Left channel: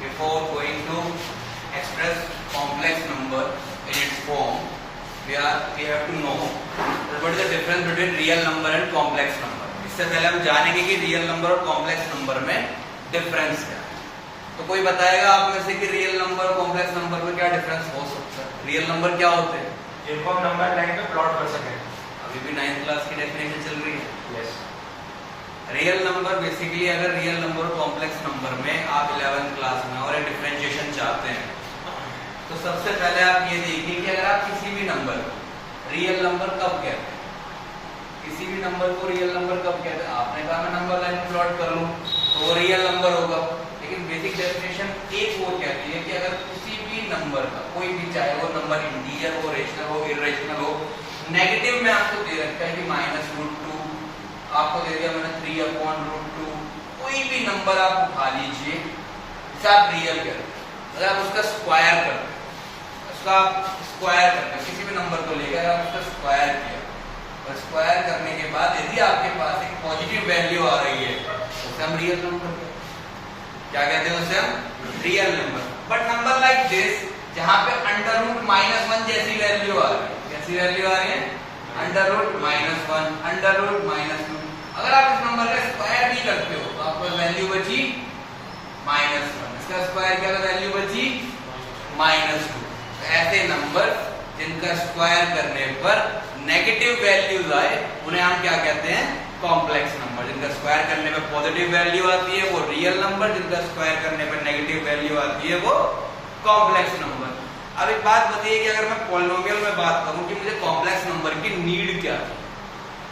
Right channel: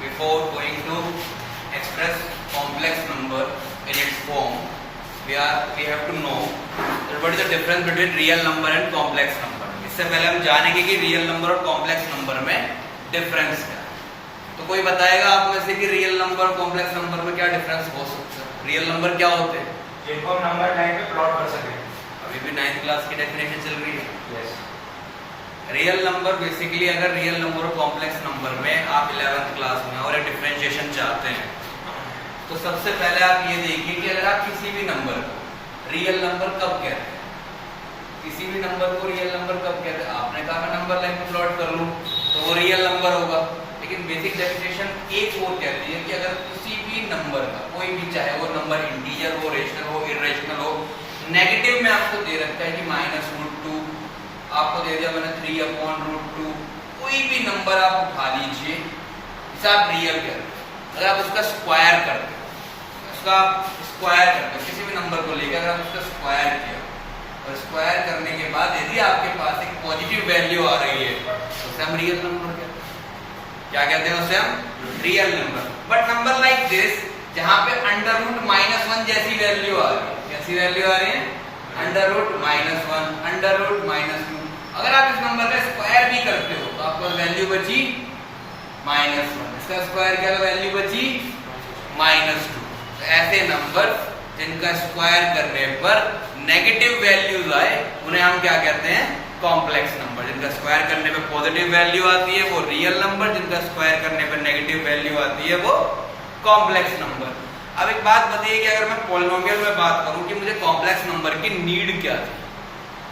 before going to express complex number in its form, we have to know what is the difference between real number and complex number. इससे पहले हम जानेंगे कि real number और complex number में difference क्या है. तो कोई बताएगा आप में से कि रियल नंबर और कॉम्प्लेक्स नंबर में क्या डिफरेंस हो सकता है? रियल नंबर क्या होते हैं? जिनको हम नंबर लाइन पे प्लॉट कर सके. अभी भी 9th क्लास की डेफिनेशन चल रही है. यस. रियल नंबर बेसिकली, अगर रियल नंबर और कॉम्प्लेक्स नंबर में आप 11th क्लास में और एक डिफरेंशिएशन चाहते हैं तो सबसे पहले आप ये देखिए कि अगर आप किसी भी नंबर को रियल नंबर कब कहते हैं, किसी भी नंबर को रियल नंबर कब कहते हैं? आपने कहा मैं नंबर लाइन में प्लॉट कर लूं तो वो रियल नंबर होगा. लेकिन बेसिक डेफिनेशन एक और कहती है कि अगर किसी भी नंबर का कोई भी, चाहे वो नंबर इंटीजर हो, रेशनल हो, इर्रेशनल हो, नेगेटिव में आपको दे रखा है कि -√2, आपको दे दिया मैंने 3/√2, कोई भी नंबर आप उठा लीजिए, इसे आप रियल कहते हैं. अगर आप उसका स्क्वायर करते हैं, किसी भी नंबर को लेकर आप उसका स्क्वायर किया और स्क्वायर करने के बाद यदि आपके पास एक पॉजिटिव वैल्यू आ रही है तो उसे हम रियल नंबर कहते हैं. क्या कहते हैं? उसे हम real number. But number like this, जहां पे √-1 जैसी वैल्यू आ रही है, कैसी वैल्यू आ रही है? √-1, √-2. अगर आप इस नंबर का स्क्वायर भी करते हो तो आपको वैल्यू बची -1. इसका स्क्वायर क्या, वैल्यू बची -2. ऐसे नंबर जिनका स्क्वायर करने पर नेगेटिव वैल्यूज आए उन्हें हम क्या कहते हैं? Complex number. जिनका स्क्वायर करने पे पॉजिटिव वैल्यू आती है वो रियल नंबर, जिनका स्क्वायर करने पे नेगेटिव वैल्यू आती है वो कॉम्प्लेक्स नंबर. अब एक बात बताइए कि अगर मैं पॉलिनोमियल में बात करूं कि मुझे कॉम्प्लेक्स नंबर की नीड क्या थी,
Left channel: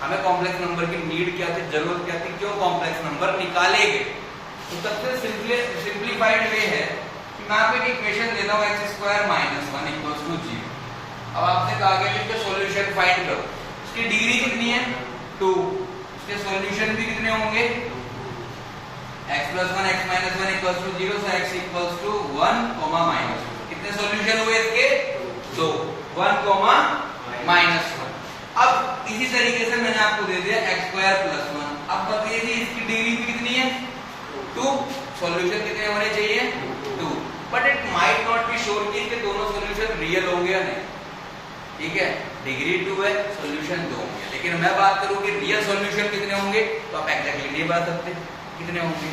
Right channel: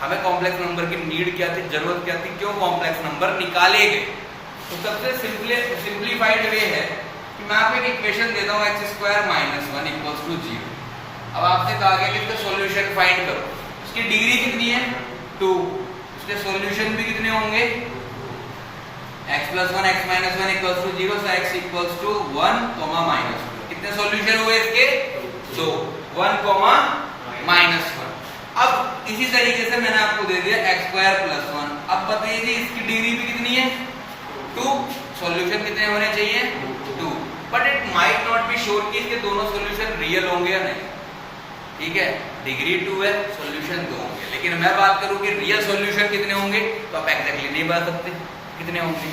हमें कॉम्प्लेक्स नंबर की नीड क्या थी, जरूरत क्या थी, क्यों कॉम्प्लेक्स नंबर निकाले गए? तो सबसे सिंप्लीफाइड वे है कि मैं आपको एक इक्वेशन देता हूं x² - 1 = 0. अब आपसे कहा गया कि इसका सॉल्यूशन फाइंड करो. इसकी डिग्री कितनी है? 2. इसके सॉल्यूशन भी कितने होंगे? x + 1 x - 1 = 0, so x = 1, -1. कितने सॉल्यूशन हुए इसके? 2. 1, -1. अब इसी तरीके से मैंने आपको दे दिया x² + 1. अब बताइए कि इसकी डिग्री भी कितनी है? 2. सॉल्यूशन कितने होने चाहिए? 2. But it might not be sure कि इसके दोनों सॉल्यूशन रियल होंगे या नहीं. ठीक है, डिग्री 2 है, सॉल्यूशन 2 होंगे. लेकिन मैं बात करूं कि रियल सॉल्यूशन कितने होंगे तो आप एग्जैक्टली नहीं बता सकते कितने होंगे.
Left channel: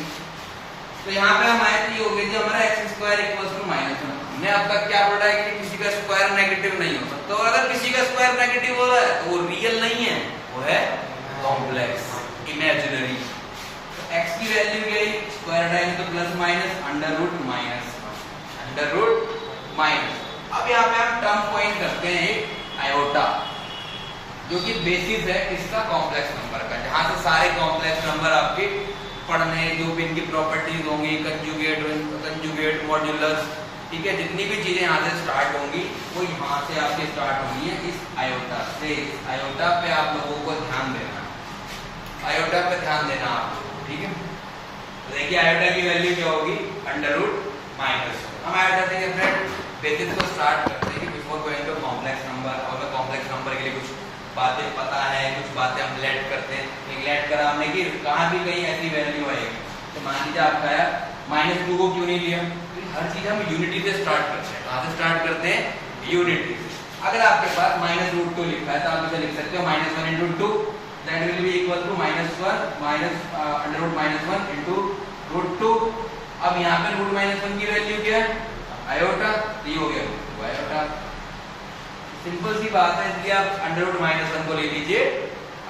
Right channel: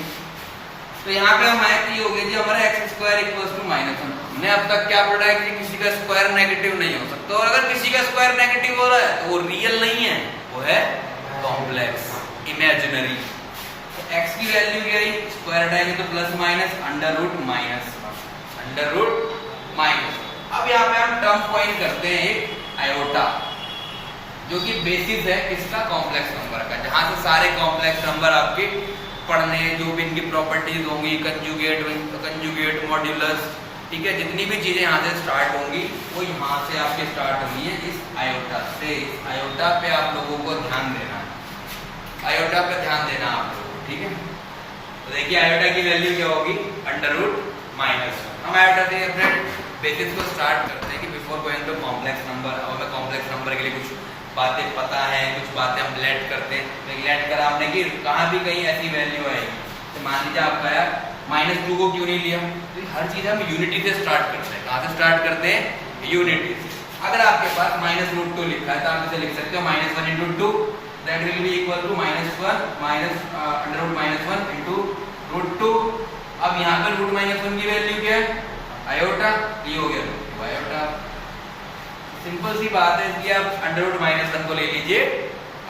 तो यहाँ पे हमारे ये हो गया जी हमारा x² = -1. हमने अब तक क्या पढ़ा है कि किसी का स्क्वायर नेगेटिव नहीं हो सकता, और अगर किसी का स्क्वायर नेगेटिव हो रहा है तो वो रियल नहीं है, वो है कॉम्प्लेक्स, इमेजिनरी. x की वैल्यू क्या है? स्क्वायर हटाएंगे तो ±√-. अब यहाँ पे हम टर्म पॉइंट करते हैं एक आयोटा, जो कि बेसिस है किसका? कॉम्प्लेक्स नंबर का, जहां से सारे कॉम्प्लेक्स नंबर आपके पढ़ने हैं, जो भी इनकी प्रॉपर्टीज होंगी, कंजुगेट, मॉड्यूलस, ठीक है, जितनी भी चीजें यहाँ से स्टार्ट होंगी वो यहाँ से आपके स्टार्ट होनी है, इस आयोटा से. इस आयोटा पे आप लोगों को ध्यान देना है, आयोटा पे ध्यान देना आप लोगों को. ठीक है, तो देखिए आयोटा की वैल्यू क्या होगी? √-1. हम आयोटा से अपने बेसिस को स्टार्ट करते हैं कि before going to complex number, और हमें कॉम्प्लेक्स नंबर के लिए कुछ बातें पता है, कुछ बातें हम लेट करते हैं. लेट करा हमने कि कहाँ भी कहीं ऐसी वैल्यू आएगी, तो मान लीजिए आपका यार -2 को क्यों नहीं लिया? तो हर चीज हम यूनिटी से स्टार्ट करते हैं. कहाँ से स्टार्ट करते हैं? यूनिटी से. अगर आपके पास -√2 लिखा है तो आप इसे लिख सकते हो -1 × 2, that will be equal to -1 √-1 × √2. अब यहाँ पे √-1 की वैल्यू क्या है? आयोटा. ये हो गया आयोटा. सिंपल सी बात है, इसलिए आप √-1 को ले लीजिए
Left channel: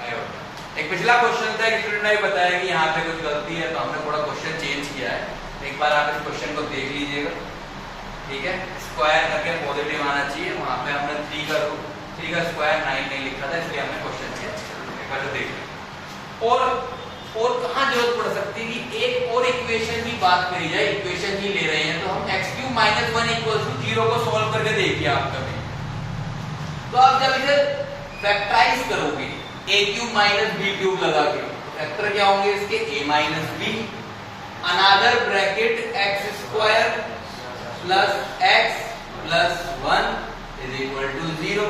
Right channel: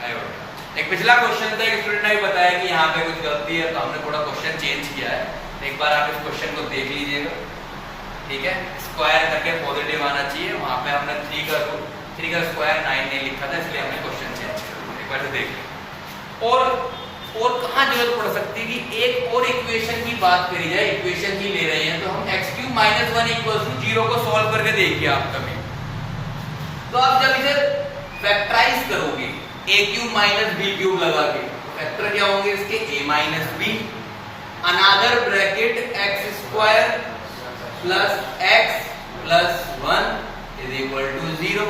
आयोटा. एक पिछला क्वेश्चन था, एक स्टूडेंट ने बताया कि यहाँ पे कुछ गलती है, तो हमने थोड़ा क्वेश्चन चेंज किया है. तो एक बार आप इस क्वेश्चन को देख लीजिएगा. ठीक है, स्क्वायर करके पॉजिटिव आना चाहिए. वहां पे हमने 3 का स्क्वायर 9 नहीं लिखा था, इसलिए हमने क्वेश्चन चेंज किया. एक बार तो देख लें. और कहाँ जरूरत पड़ सकती है कि एक और इक्वेशन की बात करी जाए, इक्वेशन ही ले रहे हैं तो हम x³ - 1 = 0 को सॉल्व करके देखिए आप कभी. तो आप जब इसे फैक्टराइज करोगे a³ - b³ लगा के, फैक्टर क्या होंगे इसके? a - b, another bracket x² + x + 1 = 0.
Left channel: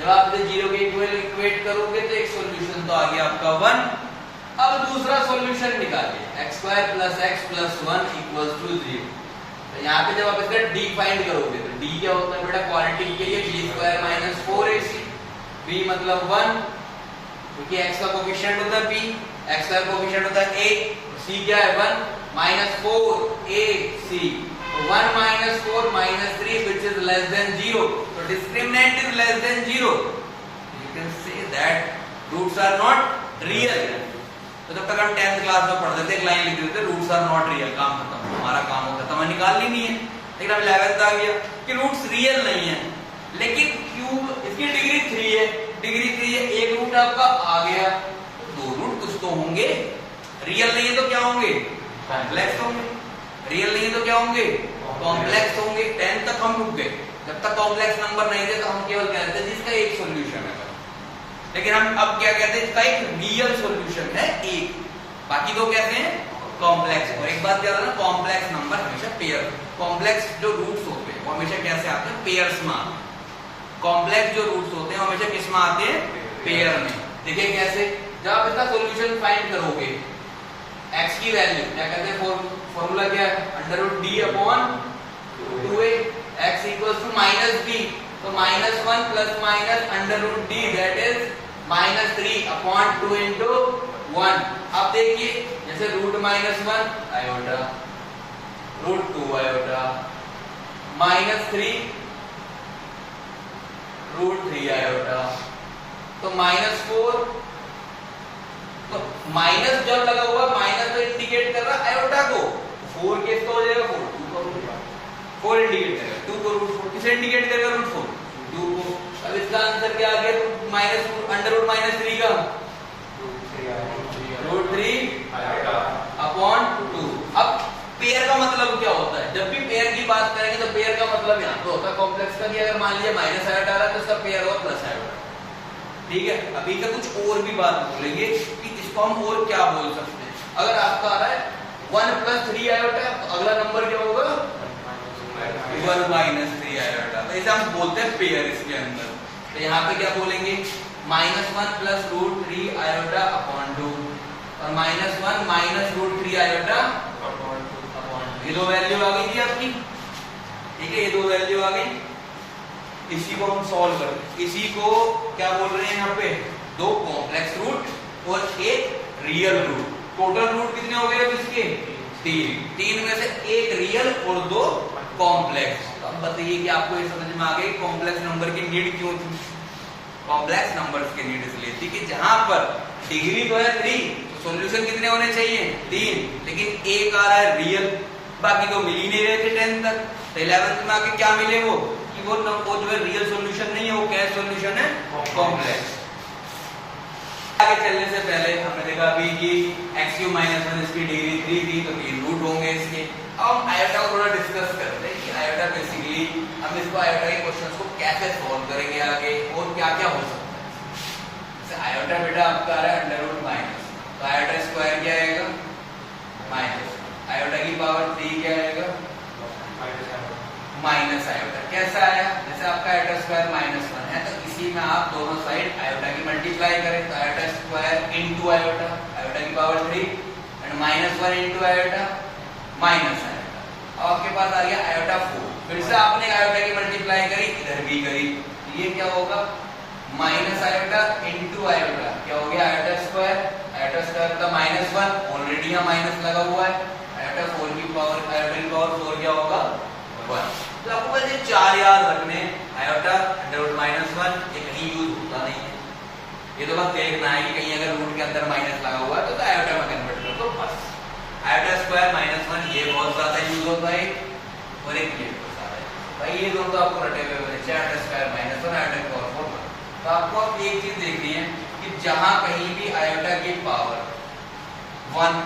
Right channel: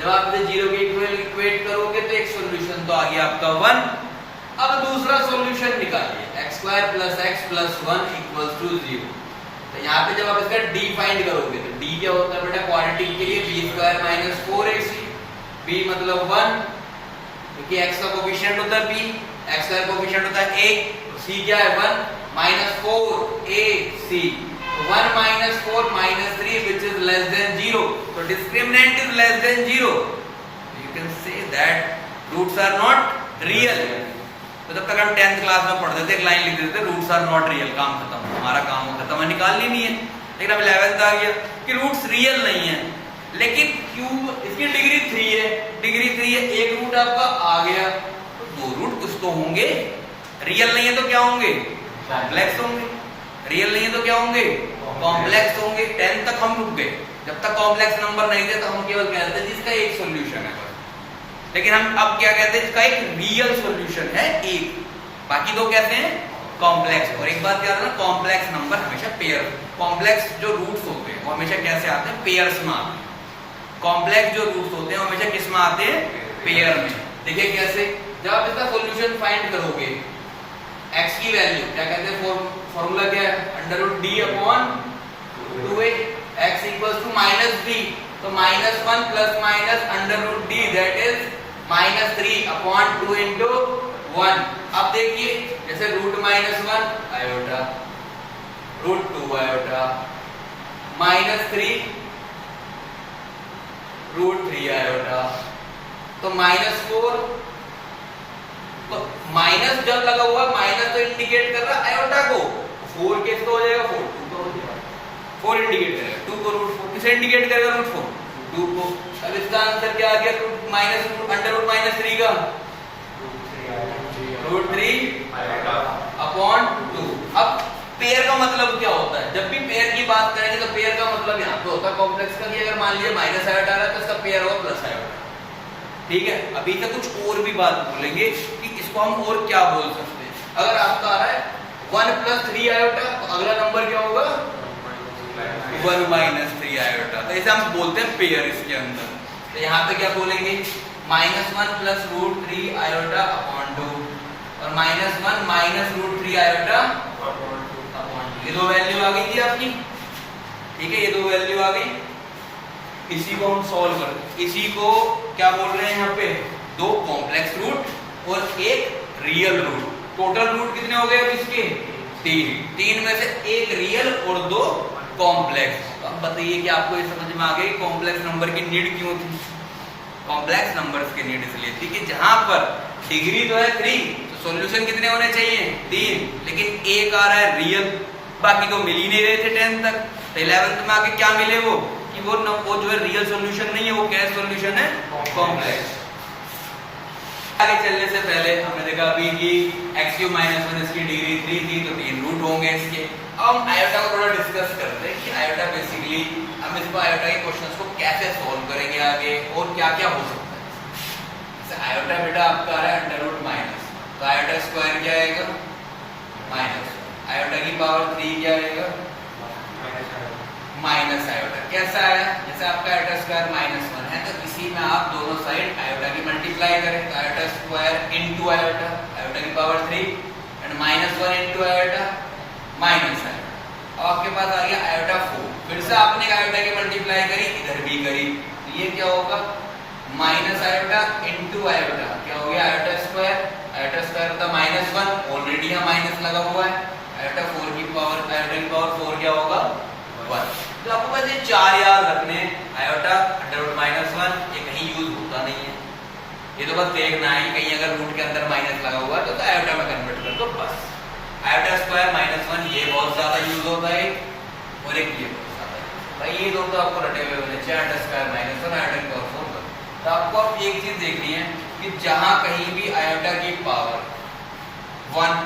जब आप इसे 0 के इक्वेट करोगे तो एक सॉल्यूशन तो आ गया आपका 1. अब दूसरा सॉल्यूशन निकालिए, x² + x + 1 = 0. तो यहाँ पे जब आप इसका डी फाइंड करोगे तो डी क्या होता है बेटा, क्वांटिटी के लिए B square minus 4ac, B मतलब 1 क्योंकि x का कोफिशिएंट होता है b, x का कोफिशिएंट होता है a, c क्या है 1 minus 4ac, 1 minus 4 minus 3 which is less than 0, so discriminant is less than 0, you can say that roots are not real. तो जब तक हम 10th क्लास में पढ़ते थे एक लाइन लिख देते थे रूट्स आर नॉट रियल, काम खत्म, हमारा काम खत्म, हमें निकालनी नहीं है। लेकिन अब 11th आ गया कि रूट्स रियल नहीं है, लेकिन क्यूब इसकी डिग्री 3 है, डिग्री 3 है, एक रूट आपका आ गया तो दो रूट कुछ तो होंगे, रियल नहीं है तो क्या होंगे, कॉम्प्लेक्स होंगे, रियल नहीं है तो क्या होंगे, कॉम्प्लेक्स होंगे। 10 तक हम रुक गए, जब तक कॉम्प्लेक्स नंबर नहीं थे तो हम केवल कहते थे जिसका एक सॉल्यूशन है, लेकिन हम अब क्या कहते हैं इसका एक रियल सॉल्यूशन है एक, बाकी दो कहते हैं कॉम्प्लेक्स। और एक बात याद रखना, कॉम्प्लेक्स नंबर हमेशा पेयर, कॉम्प्लेक्स जो रूट्स होते हैं वो हमेशा कैसे आते हैं, पेयर्स में आते हैं। कॉम्प्लेक्स जो रूट्स होते हैं हमेशा किस में आते हैं, पेयर में। देखिए कैसे, जब आप इसका सॉल्यूशन फाइंड करोगे, x की वैल्यू क्या कहते हैं, फॉर्मूला क्या है, under root D upon 2a, x equals to minus b, तो minus 1 plus minus under root D that is minus 3 upon 2 into 1। अब देखिए जैसे root minus 1 iota, root 2 iota, minus 3 root 3 iota, तो माइनस 4, तो minus जब लगा हुआ minus तो इंडिकेट कर रहा है आयोटा को, 4 के तो हो जाएगा 4, 4 इंडिकेट करेगा, 2 को रूट 4 किसे इंडिकेट करेगा, रूट 4 2 को। अब इसका आंसर क्या आ गया, root minus under root minus 3 का रूट 3 अपॉन 2। अब पेयर का मतलब क्या होता है, जब भी पेयर की बात करेंगे तो पेयर का मतलब यहाँ पे होता है कॉम्प्लेक्स का भी, अगर मान लीजिए माइनस आयोटा आ रहा है तो इसका पेयर होगा प्लस आयोटा, ठीक है। अभी तक कुछ और भी बात बोलेंगे कि इसको हम और क्या बोल सकते हैं। अगर आपका आ रहा है 1 प्लस 3 आयोटा, तो अगला नंबर क्या होगा, 1 माइनस 3 आयोटा, तो इसे हम बोलते हैं पेयर इसके अंदर। तो यहाँ पे क्या बोलेंगे, minus 1 plus root 3 iota upon 2, और minus 1 minus root 3 iota upon 2। ये दो वैल्यू आ गई थी आपकी, ठीक है, ये दो वैल्यू आ गई। इसी को हम सॉल्व कर दें, इसी को क्या बोल रहे हैं यहाँ पे, दो कॉम्प्लेक्स रूट और एक रियल रूट। टोटल रूट कितने हो गए इसके, 3 में से एक रियल और 2 कॉम्प्लेक्स। तो अब बताइए कि आपको ये समझ में आ गया कॉम्प्लेक्स नंबर की नीड क्यों थी। कॉम्प्लेक्स नंबर्स की नीड इसलिए थी कि जहां पर डिग्री तो है 3, तो सॉल्यूशन कितने होने चाहिए, 3, लेकिन एक आ रहा है रियल, बाकी तो मिल ही नहीं रहे थे 10 तक। तो 11th में आके क्या मिले वो, कि वो जो है रियल सॉल्यूशन नहीं है, वो क्या सॉल्यूशन है, कॉम्प्लेक्स। आगे चलने से पहले हमने देखा अभी कि x³ - 1 इसकी डिग्री 3 थी, तो 3 रूट होंगे इसके। अब हम आयोटा को थोड़ा डिस्कस करते हैं कि आयोटा बेसिकली हम इसको आयोटा के क्वेश्चंस को कैसे सॉल्व करेंगे आगे, और क्या क्या हो सकता है। जैसे आयोटा बेटा आपका आ रहा है अंडर रूट माइनस, तो आयोटा स्क्वायर क्या आएगा, माइनस, आयोटा की पावर 3 क्या आएगा, माइनस आयोटा। कैसा आया, जैसे आपका आयोटा स्क्वायर -1 है, तो इसी में आप दोनों साइड आयोटा की मल्टीप्लाई करें, तो iota square into iota, iota की power 3 and -1 into iota minus iota. अब आपके पास आ गया आयोटा 4, फिर से आपने आयोटा की मल्टीप्लाई करी, इधर भी करी, तो ये क्या होगा, माइनस आयोटा इनटू आयोटा, क्या हो गया आयोटा स्क्वायर का -1, ऑलरेडी यहाँ माइनस लगा हुआ है, आयोटा 4 की पावर, आयोटा की पावर 4 क्या होगा 1। तो आपको बस ये 4 याद रखने, आयोटा अंडर रूट -1 ये कहीं यूज होता नहीं है, ये तो बस देखना है कि कहीं अगर रूट के अंदर माइनस लगा हुआ है तो आयोटा में कन्वर्ट कर दो बस। आयोटा स्क्वायर -1 ये बहुत ज्यादा यूज होता है, और एक ये भाई ये दोनों तो आपको रटे हुए होने चाहिए, आयोटा स्क्वायर -1 आयोटा की पावर 4। तो आपको अब एक चीज देखनी है कि जहां कहीं भी आयोटा की पावर 1,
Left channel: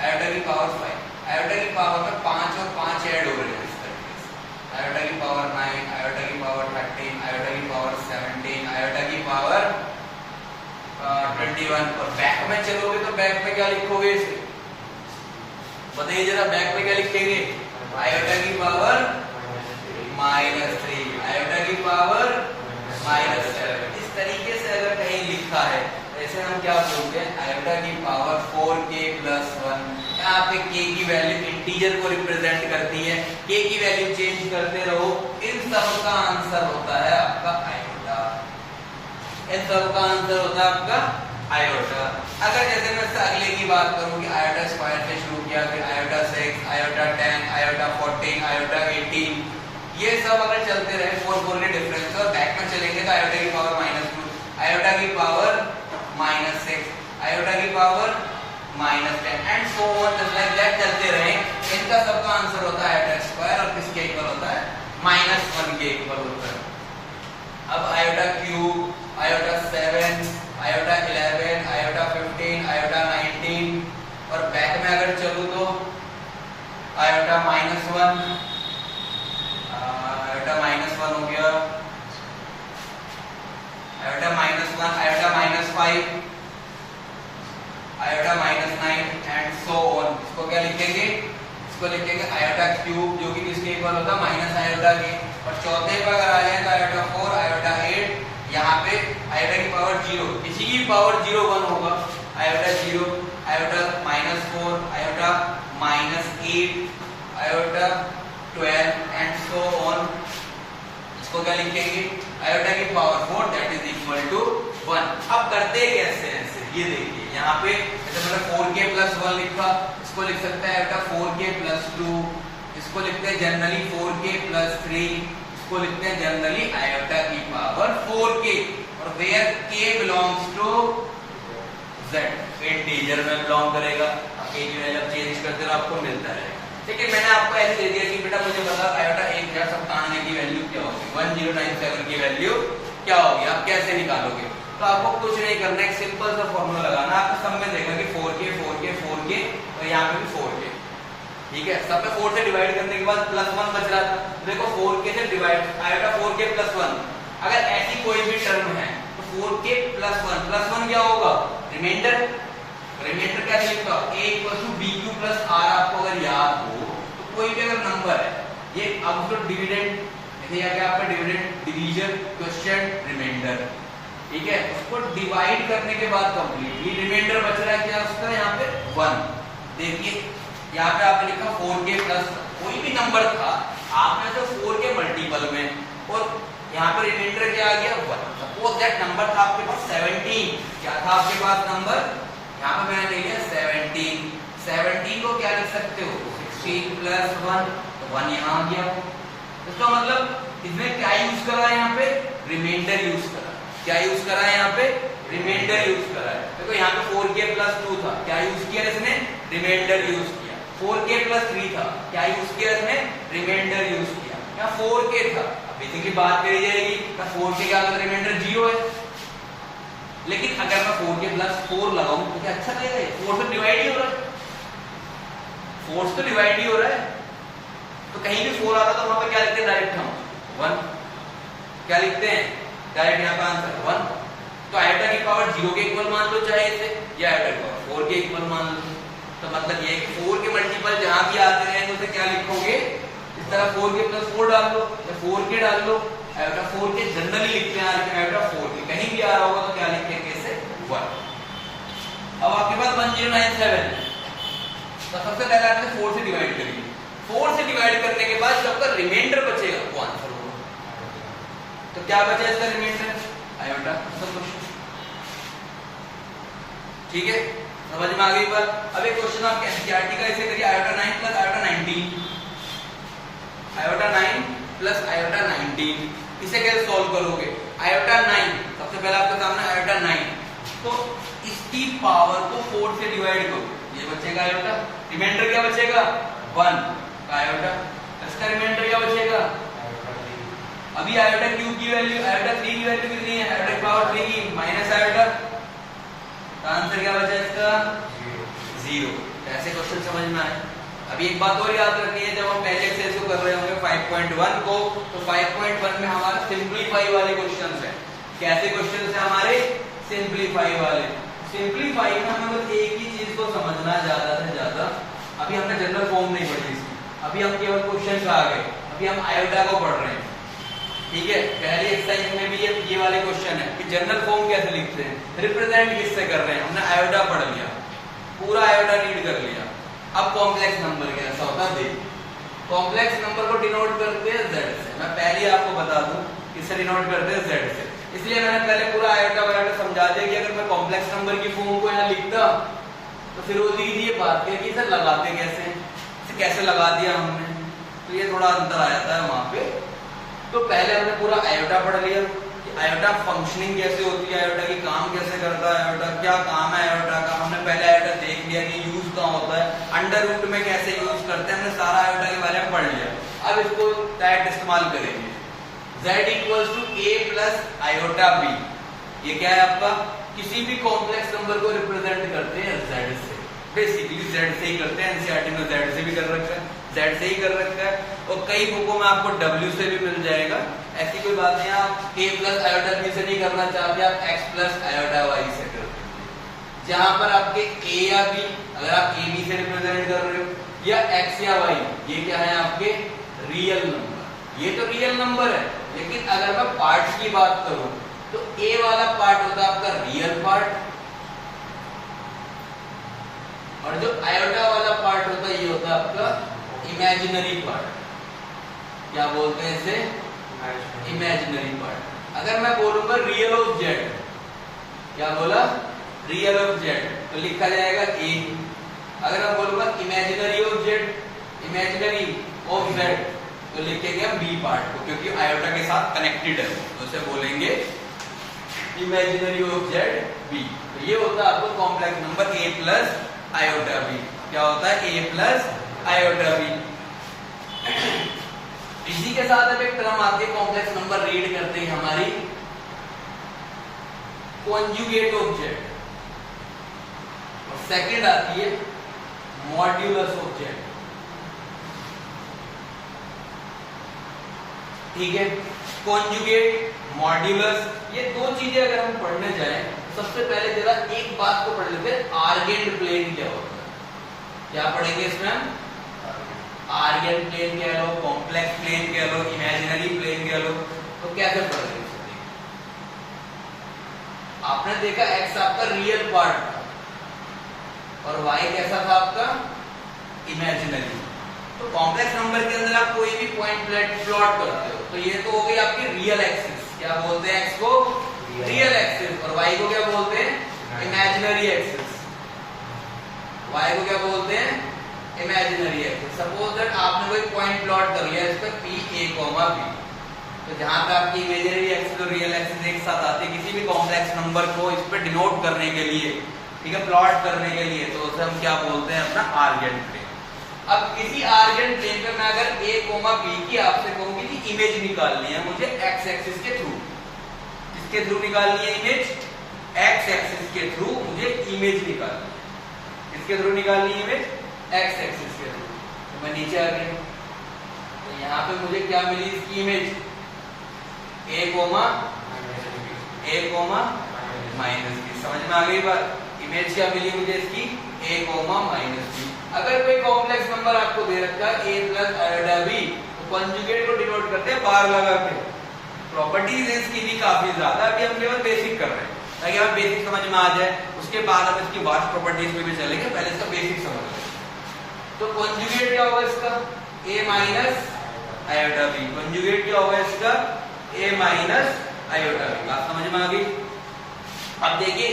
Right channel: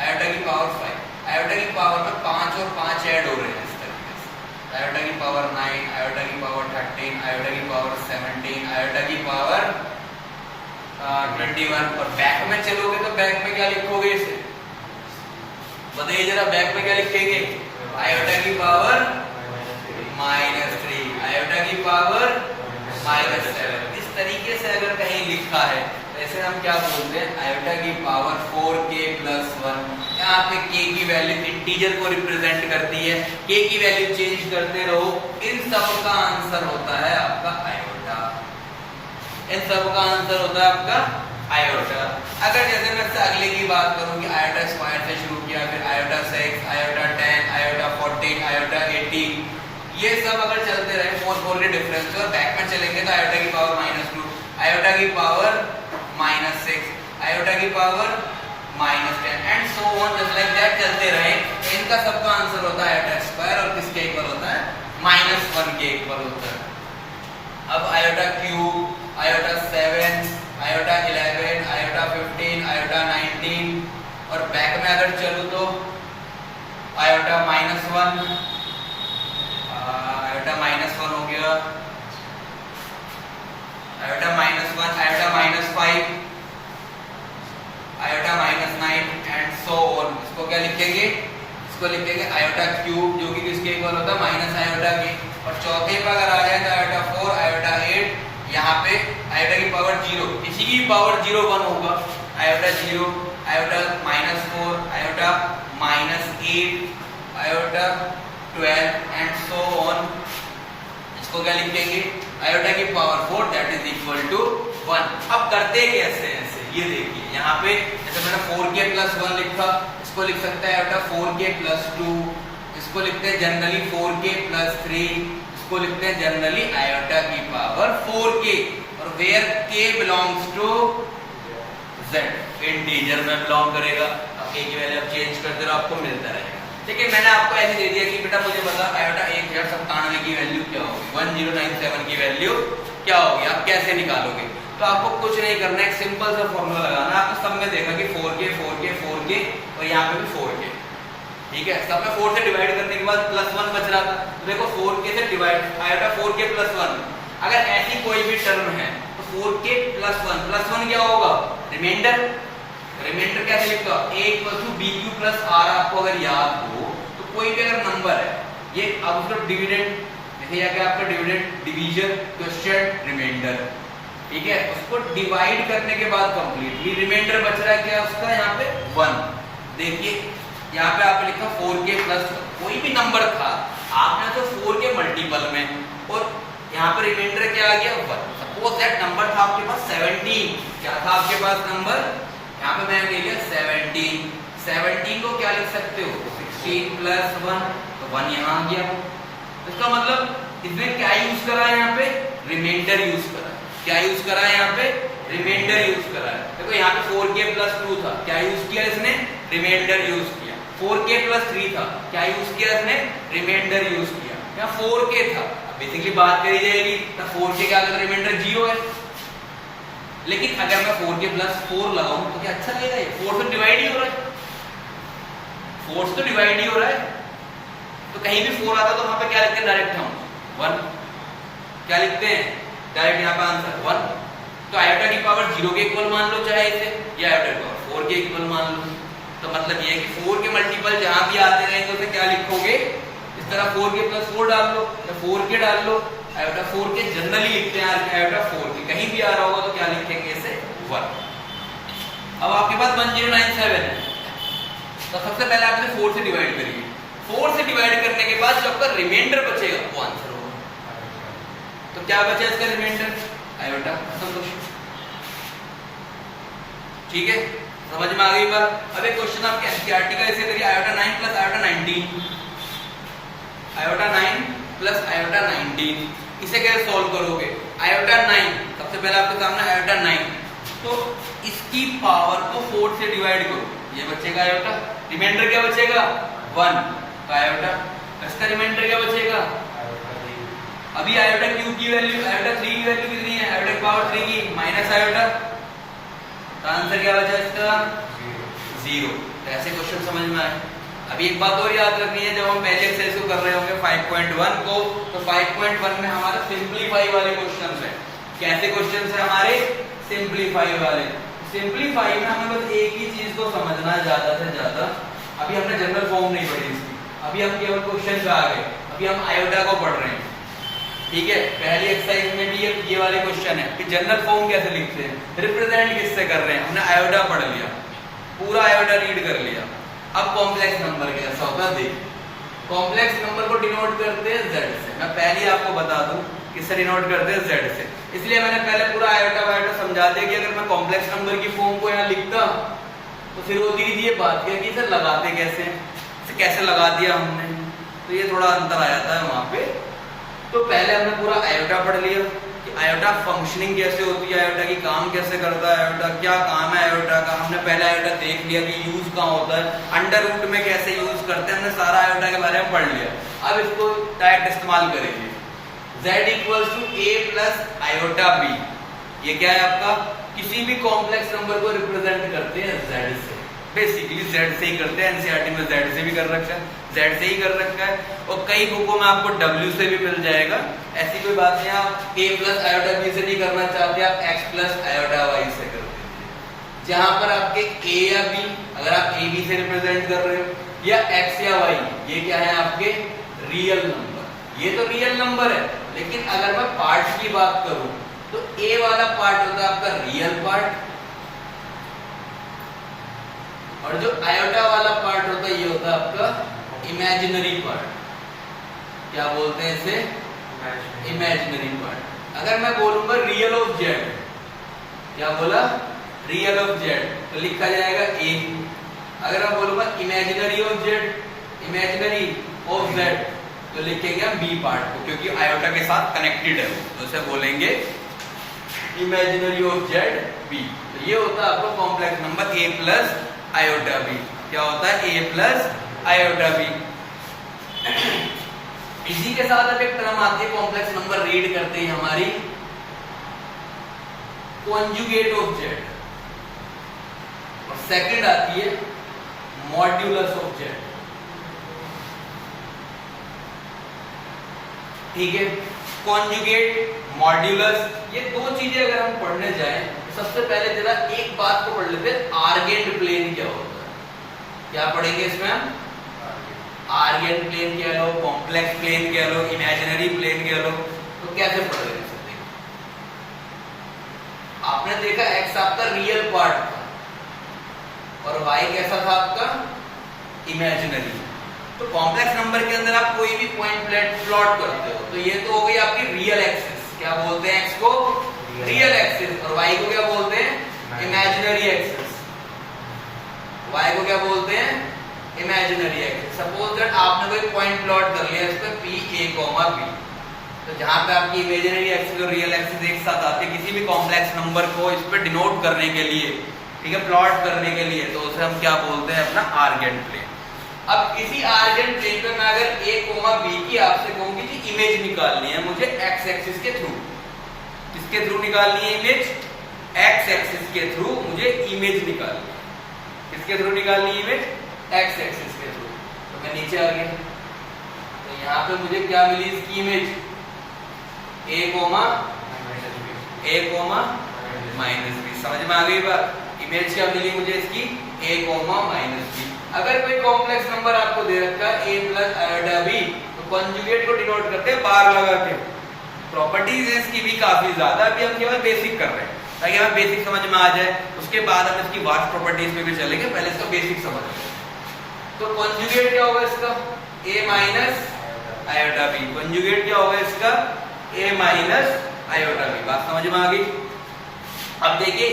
आयोटा की पावर 5, आयोटा की पावर पर 5 और 5 ऐड हो रहे हैं, आयोटा की पावर 9, आयोटा की पावर 13, आयोटा की पावर 17, आयोटा की पावर 21, और बैक में चलोगे तो बैक में क्या लिखोगे इसे, बताइए जरा, बैक में क्या लिखेंगे, आयोटा की पावर -3, आयोटा की पावर -7। इस तरीके से अगर कहीं लिखा है, ऐसे हम क्या बोलते हैं, आयोटा की पावर 4k + 1, क्या यहाँ पे k की वैल्यू इंटीजर को रिप्रेजेंट करती है, k की वैल्यू चेंज करते रहो, इन सब का आंसर होता है आपका आयोटा, इन सब का आंसर होता है आपका आयोटा। अगर जैसे मैं अगले की बात करूं कि आयोटा स्क्वायर से शुरू किया, फिर आयोटा 6, आयोटा 10, आयोटा 14, आयोटा 18, ये सब अगर चलते रहे 4 के डिफरेंस और बैक में चलेंगे तो आयोटा की पावर -2, आयोटा की पावर -6, आयोटा की power -10 and so on, just like that चलते रहे। इनका सबका आंसर होता है आयोटा स्क्वायर और किसके इक्वल होता है? -1 के इक्वल होता है। अब iota cube, iota 7, iota 11, iota 15, iota 19 और बैक में अगर चलूं तो आयोटा -1, आयोटा -1 हो गया, iota -1, iota -5, iota -9 and so on. इसको क्या लिखेंगे? इसको लिखेंगे आयोटा क्यूब जो कि किसके इक्वल होता है? माइनस आयोटा के। और चौथे पर अगर आ जाए तो आयोटा 4, आयोटा 8, यहाँ पे आयोटा की पावर 0, किसी की पावर 0 1 होगा, iota 0, iota -4, iota -8, iota 12 and so on. इसको क्या लिखेंगे? आयोटा की power 4 that is equal to 1। अब करते कैसे ऐसे, ये देखिए यहाँ पे जैसे मैंने 4k + 1 लिखा, इसको लिख सकते हैं आयोटा 4k + 2, इसको लिखते हैं जनरली 4k + 3, इसको लिखते हैं जनरली आयोटा की पावर 4k और where k belongs to z, integer में बिलोंग करेगा। अब k की वैल्यू आप चेंज करते हो आपको मिलता रहेगा। ठीक है, मैंने आपको ऐसे दे दिया कि बेटा मुझे बता आयोटा 1097 की वैल्यू क्या होगी, 1097 की वैल्यू क्या होगी, आप कैसे निकालोगे? तो आपको कुछ नहीं करना, एक सिंपल सा फॉर्मूला लगाना। आपने सब में देखा कि 4k 4k 4k और यहाँ पे भी 4k, ठीक है। सब में 4 से डिवाइड करने के बाद +1 बच रहा था, तो देखो 4k से डिवाइड आयोटा 4k + 1, अगर ऐसी कोई भी टर्म है तो 4k + 1 क्या होगा? रिमाइंडर। रिमाइंडर कैसे लिखता हूं? a = bq + r। आपको अगर याद हो तो कोई भी अगर नंबर है, ये अब उसको डिविडेंड, जैसे या क्या आपका डिविडेंड, डिवीजन, क्वेश्चन, रिमाइंडर, ठीक है। उसको डिवाइड करने के बाद कंप्लीटली रिमाइंडर बच रहा है क्या उसका? यहाँ पे 1। देखिए यहाँ पे आपने लिखा 4k + कोई भी नंबर था, आपने तो 4 के मल्टीपल में, और यहाँ पे रिमाइंडर क्या आ गया? 1। सपोज दैट नंबर था आपके पास 17, क्या था आपके पास नंबर? यहाँ पे मैंने लिखा 17। 17 को क्या लिख सकते हो? 16 + 1, तो 1 यहाँ आ गया। इसका मतलब इसने क्या यूज करा है? यहाँ पे रिमाइंडर यूज करा। क्या यूज करा है? यहाँ पे रिमाइंडर यूज करा है। देखो यहाँ पे 4k + 2 था, क्या यूज किया इसने? रिमाइंडर यूज किया। 4k + 3 था, क्या यूज किया इसने? रिमाइंडर यूज किया। यहाँ 4k था, बेसिकली बात करी जाएगी तो 4k के आगे रिमाइंडर 0 है, लेकिन अगर मैं 4k + 4 लगाऊं तो क्या अच्छा लगेगा? ये 4 से डिवाइड ही हो रहा है, 4 से तो डिवाइड ही हो रहा है, तो कहीं भी 4 आता तो वहां पे क्या लिखते हैं? डायरेक्ट हम 1 क्या लिखते हैं? डायरेक्ट यहाँ पे आंसर 1। तो आयोटा की पावर 0 के इक्वल मान लो चाहे इसे, या आयोटा की पावर 4 के इक्वल मान लो। तो मतलब ये कि 4 के मल्टीपल जहां भी आते रहे तो उसे क्या लिखोगे? इस तरह 4k + 4 डाल लो या 4k डाल लो। आयोटा 4k जनरली लिखते हैं, आयोटा 4k कहीं भी आ रहा होगा तो क्या लिखेंगे? इसे 1। अब आपके पास 1097 है, तो सबसे पहले आपने 4 से डिवाइड करिए। 4 से डिवाइड करने के बाद जब तक रिमाइंडर बचेगा वो आंसर होगा। तो क्या बचा इसका रिमाइंडर? आयोटा। ठीक है, समझ में आ गई बात? अब एक क्वेश्चन आपके एनसीईआरटी का ऐसे करिए, आयोटा 9 + आयोटा 19, आयोटा 9 + आयोटा 19, इसे कैसे सॉल्व करोगे? आयोटा 9, सबसे पहले आपके सामने आयोटा 9, तो इसकी पावर को 4 से डिवाइड करो, ये बचेगा आयोटा। रिमाइंडर क्या बचेगा? 1 तो आयोटा। इसका रिमाइंडर क्या बचेगा? अभी आयोटा क्यूब की वैल्यू, आयोटा 3 की वैल्यू कितनी है? आयोटा की पावर 3 की माइनस आयोटा, तो आंसर क्या बचा इसका? 0। तो ऐसे क्वेश्चन समझ में आए। अभी एक बात और याद रखनी है, जब हम पहले एक्सरसाइज को कर रहे होंगे 5.1 को, तो 5.1 में हमारे सिंपलीफाई वाले क्वेश्चन है। कैसे क्वेश्चन है हमारे? सिंपलीफाई वाले। सिंपलीफाई में हमें बस एक ही चीज को समझना ज्यादा से ज्यादा। अभी हमने जनरल फॉर्म नहीं पढ़ी इसकी, अभी हम केवल क्वेश्चन का आ गए, अभी हम आयोटा को पढ़ रहे हैं। ठीक है, पहली एक्सरसाइज में भी ये वाले क्वेश्चन है कि जनरल फॉर्म कैसे लिखते हैं, रिप्रेजेंट किससे कर रहे हैं। हमने आयोटा पढ़ लिया, पूरा आयोटा रीड कर लिया, अब कॉम्प्लेक्स नंबर कैसा होता है देख, कॉम्प्लेक्स नंबर को डिनोट करते हैं z से। मैं पहले ही आपको बता दूं किससे डिनोट करते हैं z से, इसलिए मैंने पहले पूरा आयोटा वायोटा समझा दिया कि अगर मैं कॉम्प्लेक्स नंबर की फॉर्म को यहाँ लिखता तो फिर होती थी ये बात क्या कि इसे लगाते कैसे हैं, इसे कैसे लगा दिया हमने, तो ये थोड़ा अंतर आ जाता है वहां पे। तो पहले हमने पूरा आयोटा पढ़ लिया कि आयोटा फंक्शनिंग कैसे होती है, आयोटा की काम कैसे करता है, आयोटा क्या काम है आयोटा का, हमने पहले आयोटा देख लिया कि यूज कहाँ होता है, अंडर रूट में कैसे यूज करते हैं, हमने सारा आयोटा के बारे में पढ़ लिया। अब इसको डायरेक्ट इस्तेमाल करेंगे, z equals to a plus iota b, ये क्या है आपका, किसी भी कॉम्प्लेक्स नंबर को रिप्रेजेंट करते हैं z से, बेसिकली z से ही करते हैं, एनसीईआरटी में z से भी कर रखा है, z से ही कर रखा है, और कई बुकों में आपको w से भी मिल जाएगा, ऐसी कोई बात नहीं। आप a प्लस आयोटा b से नहीं करना चाहते, आप x प्लस आयोटा y से करते हैं, जहां पर आपके a या b, अगर आप a b से रिप्रेजेंट कर रहे हो, या x या y, ये क्या है आपके रियल नंबर, ये तो रियल नंबर है। लेकिन अगर मैं पार्ट की बात करूं तो a वाला पार्ट होता है आपका रियल पार्ट, और जो आयोटा वाला पार्ट होता है ये होता है आपका इमेजिनरी पार्ट। क्या बोलते हैं इसे, इमेजिनरी पार्ट। अगर मैं बोलूंगा रियल ऑफ जेड, क्या बोला, रियल ऑफ जेड, तो लिखा जाएगा a। अगर मैं बोलूंगा imaginary of Z, imaginary of Z, तो लिखेंगे हम बी पार्ट को, क्योंकि आयोटा के साथ कनेक्टेड है, तो उसे बोलेंगे इमेजिनरी ऑफ जेड बी। तो ये होता है आपका complex number a plus iota B. क्या होता है, a प्लस आयोटा बी। इसी के साथ अब एक टर्म आती है कॉम्प्लेक्स नंबर रीड करते हैं हमारी, कॉन्जुगेट ऑफ जेड, और सेकंड आती है मॉड्यूलस ऑफ जेड। ठीक है, कॉन्जुगेट, मॉड्यूलस, ये दो चीजें अगर हम पढ़ने जाएं तो सबसे पहले जरा एक बात को पढ़ लेते हैं, आर्गेंट प्लेन क्या होता है। क्या पढ़ेंगे इसमें हम, आर्गेंट प्लेन कह लो, कॉम्प्लेक्स प्लेन कह लो, इमेजिनरी प्लेन कह लो, तो कैसे पढ़ लेंगे। आपने देखा x आपका रियल पार्ट था और y कैसा था आपका इमेजिनरी। तो कॉम्प्लेक्स नंबर के अंदर आप कोई भी पॉइंट प्लॉट करते हो, तो ये तो हो गई आपकी रियल एक्सिस, क्या बोलते हैं x को, रियल एक्सिस, और y को क्या बोलते हैं, इमेजिनरी एक्सिस। y को क्या बोलते हैं, इमेजिनरी एक्सिस। सपोज दैट आपने कोई पॉइंट प्लॉट कर लिया इस पे p a, b, तो जहां पे आपकी इमेजिनरी एक्सिस और रियल एक्सिस एक साथ आते हैं किसी भी कॉम्प्लेक्स नंबर को इस पे डिनोट करने के लिए, ठीक है, प्लॉट करने के लिए, तो उसे हम क्या बोलते हैं, अपना आर्गेंट प्लेन। अब किसी आर्गेंट प्लेन पर मैं अगर a, b की आपसे कहूंगी कि इमेज निकालनी है मुझे x एक्सिस के थ्रू, किसके थ्रू निकालनी है इमेज, x एक्सिस के थ्रू मुझे इमेज निकालनी है, किसके थ्रू निकालनी है इमेज, x एक्सिस के थ्रू। तो मैं नीचे आ गया, तो यहाँ पे मुझे क्या मिली इसकी इमेज, a, माइनस b। समझ में आ गई बात, इमेज क्या मिली मुझे इसकी, a, माइनस b। अगर कोई कॉम्प्लेक्स नंबर आपको दे रखा है a प्लस आयोटा b, तो कॉन्जुगेट को डिनोट करते हैं बार लगा के। प्रॉपर्टीज है इसकी भी काफी ज्यादा, अभी हम केवल बेसिक कर रहे हैं ताकि हमें बेसिक समझ में आ जाए, उसके बाद हम इसकी वास्ट प्रॉपर्टीज में भी चलेंगे, पहले इसका बेसिक समझ लें। तो कॉन्जुगेट क्या होगा इसका, a minus iota b। Conjugate क्या होगा इसका, a माइनस आयोटा b। बात समझ में आ गई। अब देखिए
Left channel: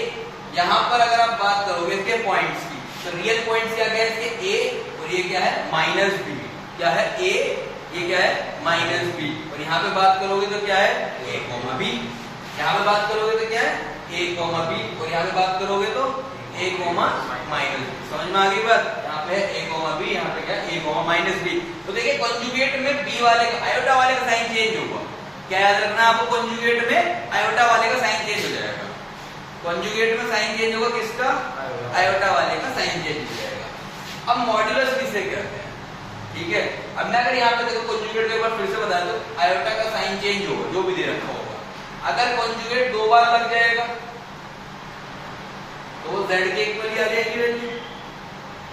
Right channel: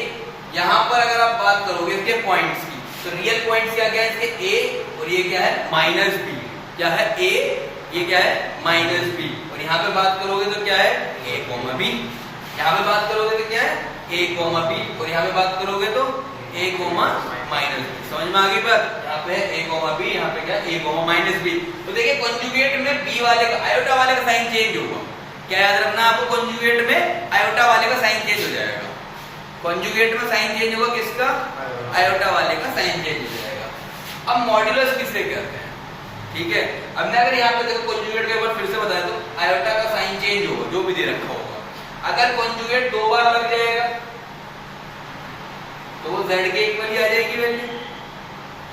यहां पर अगर आप बात करोगे इसके पॉइंट्स की, तो रियल पॉइंट्स क्या क्या है इसके, a और ये क्या है माइनस b। क्या है a, ये क्या है माइनस b, और यहाँ पे बात करोगे तो क्या है a, b। यहाँ पे बात करोगे तो क्या है a, b, और यहाँ पे बात करोगे तो a, माइनस b। समझ में आ गई बात, यहाँ पे है a, b, यहाँ पे क्या a, माइनस b। तो देखिए कॉन्जुगेट में b वाले का, आयोटा वाले का साइन चेंज होगा। क्या याद रखना आपको, कॉन्जुगेट में आयोटा वाले का साइन चेंज हो जाएगा। कॉन्जुगेट में साइन चेंज होगा किसका, आयोटा वाले का साइन चेंज हो जाएगा। अब मॉड्यूलस किससे कहते हैं, ठीक है। अब मैं अगर यहाँ पे देखो कॉन्जुगेट के ऊपर फिर से बता दूं, आयोटा का साइन चेंज होगा जो भी दे रखा होगा। अगर कॉन्जुगेट दो बार लग जाएगा तो वो z के इक्वल ही आ जाएगी वैल्यू,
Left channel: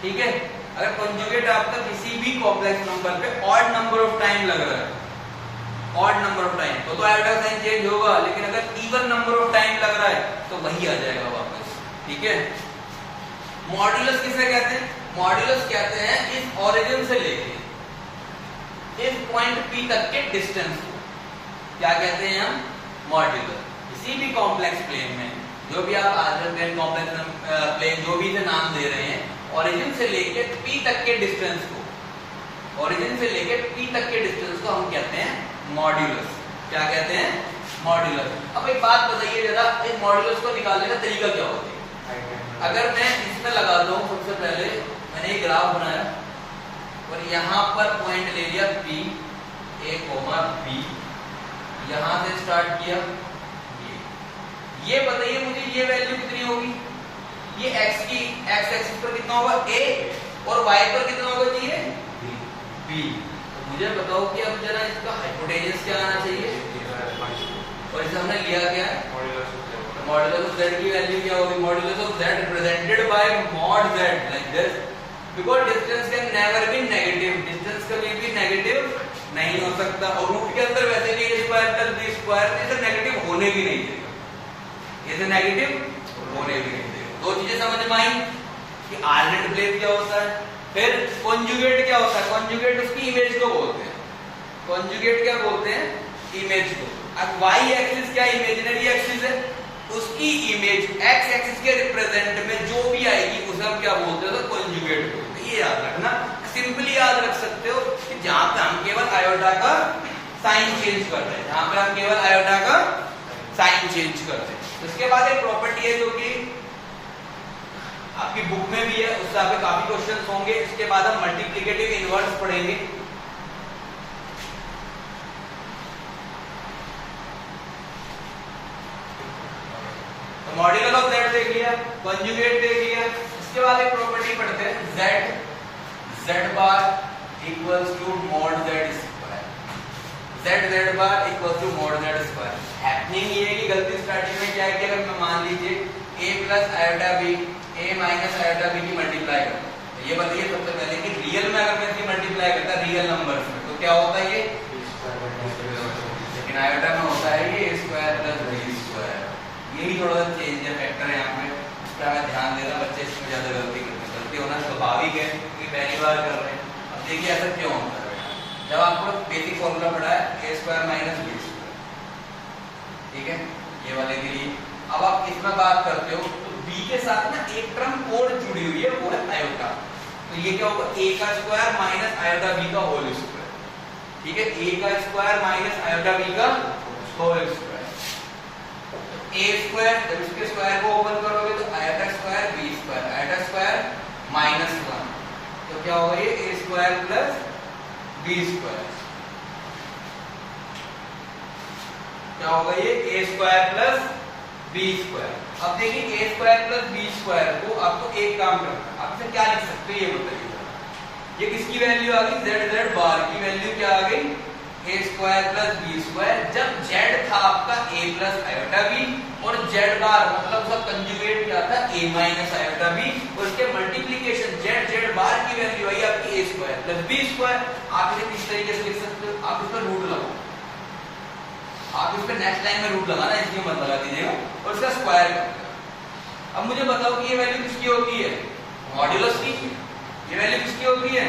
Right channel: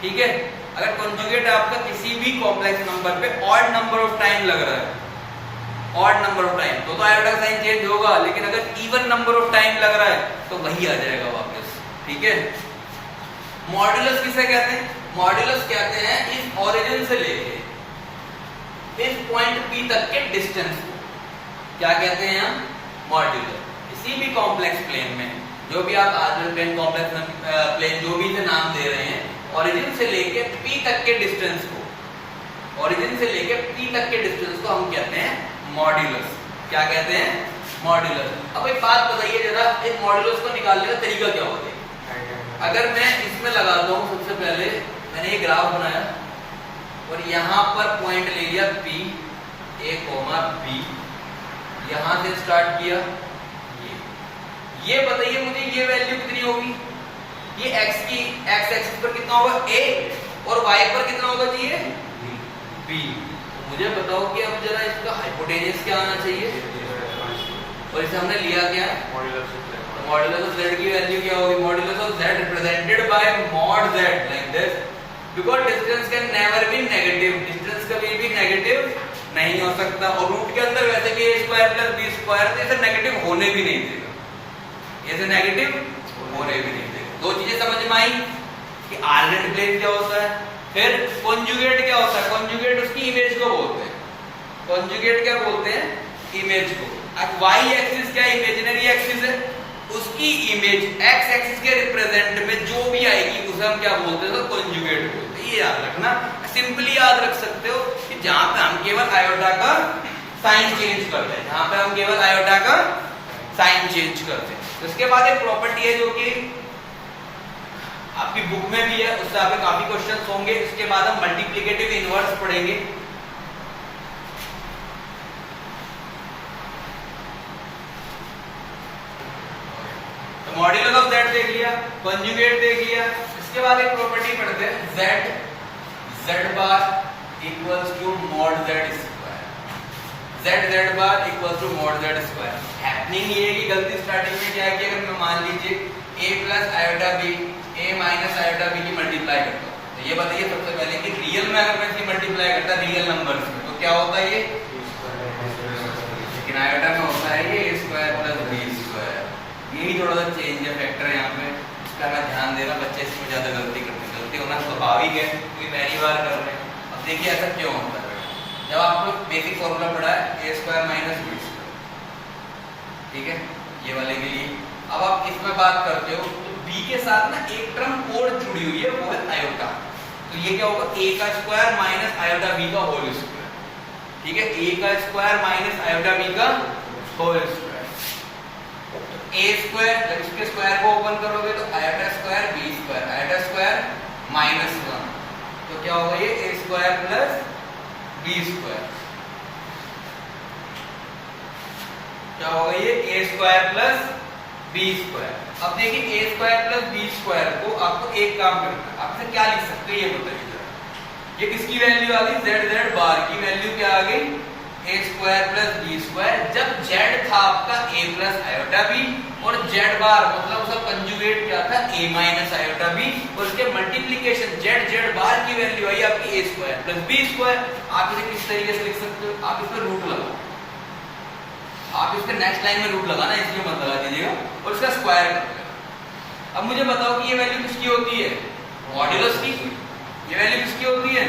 ठीक है। अगर कॉन्जुगेट आपका किसी भी कॉम्प्लेक्स नंबर पे ऑड नंबर ऑफ टाइम लग रहा है, ऑड नंबर ऑफ टाइम, तो आयोटा साइन चेंज होगा। लेकिन अगर इवन नंबर ऑफ टाइम लग रहा है तो वही आ जाएगा वापस, ठीक है। मॉड्यूलस किसे कहते हैं, मॉड्यूलस कहते हैं इस ओरिजिन से लेके इस पॉइंट P तक के डिस्टेंस को क्या कहते हैं हम? मॉड्यूलस। किसी भी कॉम्प्लेक्स प्लेन में जो भी आप आर्डर प्लेन, कॉम्प्लेक्स प्लेन, जो भी इसे नाम दे रहे हैं, ओरिजिन से लेके P तक के डिस्टेंस को, ओरिजिन से लेके P तक के डिस्टेंस को हम कहते हैं मॉड्यूलस। क्या कहते हैं? मॉड्यूलस। अब एक बात बताइए जरा, इस मॉड्यूलस को निकालने का तरीका क्या होता है? अगर मैं इसमें लगाता हूं, सबसे पहले मैंने ये ग्राफ बनाया और यहां पर पॉइंट ले लिया P, A, B, यहां से स्टार्ट किया, ये बताइए मुझे ये वैल्यू कितनी होगी? ये x की x एक्सिस पर कितना होगा? a, और y पर कितना होगा जी? ये b। तो मुझे बताओ कि अब जरा इसका हाइपोटेन्यूज क्या आना चाहिए? और इसे हमने लिया क्या है? मॉड्यूलस ऑफ z की वैल्यू क्या होगी? Modulus of z represented by mod z like this, because distance can never be negative, distance कभी भी नेगेटिव नहीं हो सकता, और रूट के अंदर वैसे भी a square plus b square इसे नेगेटिव होने भी नहीं देगा, इसे नेगेटिव होने भी नहीं देगा। दो चीजें समझ में आई कि आर्गेनेट प्लेन क्या होता है, फिर कॉन्जुगेट क्या होता है? कॉन्जुगेट उसकी इमेज को बोलते हैं, कॉन्जुगेट क्या बोलते हैं? इमेज को। अब y एक्सिस क्या इमेजिनरी एक्सिस है, उसकी इमेज x एक्सिस के रिप्रेजेंट में जो भी आएगी उसे हम क्या बोलते हैं? कॉन्जुगेट बोलते हैं। ये याद रखना, सिंपली याद रख सकते हो कि जहां पे हम केवल आयोटा का साइन चेंज करते हैं, जहां पे हम केवल आयोटा का साइन चेंज करते हैं। उसके बाद एक प्रॉपर्टी है जो कि आपकी बुक में भी है, उससे आपके काफी क्वेश्चंस होंगे। इसके बाद हम मल्टीप्लिकेटिव इनवर्स पढ़ेंगे। तो मॉड्यूलस ऑफ z देख लिया, कॉन्जुगेट देख लिया। इसके बाद एक प्रॉपर्टी पढ़ते हैं, z bar equals to mod z square, z bar equals to mod z square. Happening ये है कि गलती स्टार्टिंग में क्या है कि अगर मैं मान लीजिए a plus iota b, a minus iota b की मल्टीप्लाई करता हूं, तो ये बताइए सबसे पहले कि रियल में अगर मैं इसकी मल्टीप्लाई करता रियल नंबर्स में तो क्या होता है? ये लेकिन आयोटा में होता है ये a square plus b square. यही थोड़ा सा चेंज है, फैक्टर है यहाँ पे, इसका मैं ध्यान दे रहा, बच्चे इसमें ज्यादा गलती करते हैं। गलती होना स्वाभाविक है क्योंकि पहली बार कर रहे हैं। अब देखिए ऐसा क्यों होता है बेटा, जब आपको बेसिक फॉर्मूला पढ़ा है a square minus b square, ठीक है, ये वाले के लिए। अब आप इसमें बात करते हो तो b के साथ ना एक टर्म और जुड़ी हुई है, वो है आयोटा। तो ये क्या होगा? a का स्क्वायर माइनस आयोटा b का होल स्क्वायर, ठीक है, a का स्क्वायर माइनस आयोटा b का होल स्क्वायर। a स्क्वायर, जब इसके स्क्वायर को ओपन करोगे तो iota square b square, iota square minus 1, तो क्या होगा? ये a square plus b square. क्या होगा? ये a square plus b square. अब देखिए a square plus b square को आपको एक काम करना है, आप इसे क्या लिख सकते हो ये बताइए जरा। ये किसकी वैल्यू आ गई? z बार की वैल्यू क्या आ गई? a square plus b square. जब z था आपका a प्लस आयोटा b और z बार मतलब उसका कंजुगेट क्या था? a माइनस आयोटा b, और उसके मल्टीप्लिकेशन z बार की वैल्यू आई आपकी a square plus b square. आप इसे किस तरीके से लिख सकते हो? आप इस पर रूट लगाओ, आप इसके नेक्स्ट लाइन में रूट लगाना, इसमें मत लगा दीजिएगा, और इसका स्क्वायर कर देना। अब मुझे बताओ कि ये वैल्यू किसकी होती है? मॉड्यूलस की। ये वैल्यू किसकी होती है?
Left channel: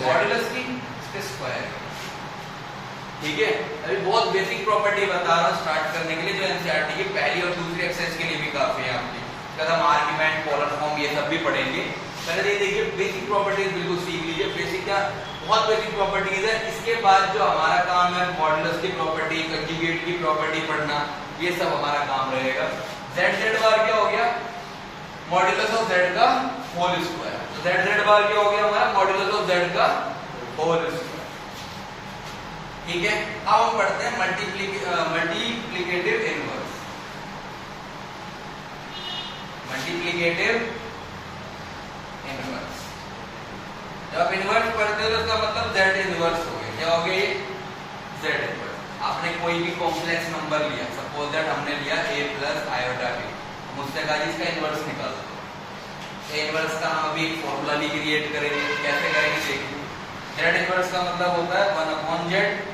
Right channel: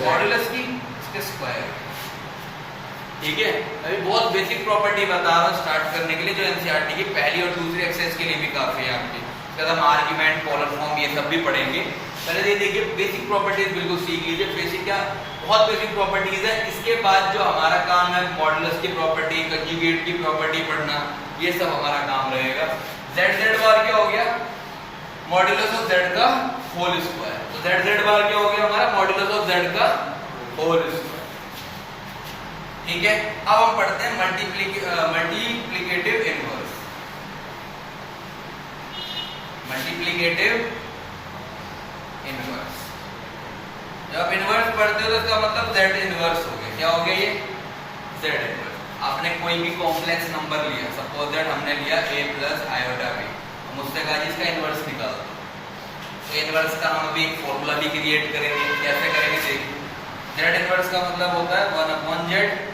मॉड्यूलस की, इसके स्क्वायर। ठीक है, अभी बहुत बेसिक प्रॉपर्टी बता रहा हूँ स्टार्ट करने के लिए, जो एनसीईआरटी की पहली और दूसरी एक्सरसाइज के लिए भी काफी है आपकी। इसके बाद हम आर्गुमेंट, पोलर फॉर्म ये सब भी पढ़ेंगे। पहले ये देखिए बेसिक प्रॉपर्टीज बिल्कुल सीख लीजिए। बेसिक क्या, बहुत बेसिक प्रॉपर्टीज है। इसके बाद जो हमारा काम है मॉड्यूलस की प्रॉपर्टी, कंजुगेट की प्रॉपर्टी पढ़ना, ये सब हमारा काम रहेगा। z बार क्या हो गया? मॉड्यूलस ऑफ z का होल स्क्वायर। तो z बार क्या हो गया हमारा? मॉड्यूलस ऑफ z का होल स्क्वायर। ठीक है, अब हम पढ़ते हैं मल्टीप्लिकेटिव इनवर्स। मल्टीप्लिकेटिव इनवर्स, जब आप इनवर्स पढ़ते हो तो इसका मतलब z इनवर्स हो गया। क्या हो गया? ये z इनवर्स। आपने कोई भी कॉम्प्लेक्स नंबर लिया, सपोज दैट हमने लिया a प्लस आयोटा b, मुझसे कहा इसका इनवर्स निकाल दो। a इनवर्स का हम अभी एक फॉर्मूला भी क्रिएट करेंगे। कैसे करेंगे देखिए। z इनवर्स का मतलब होता है 1/z,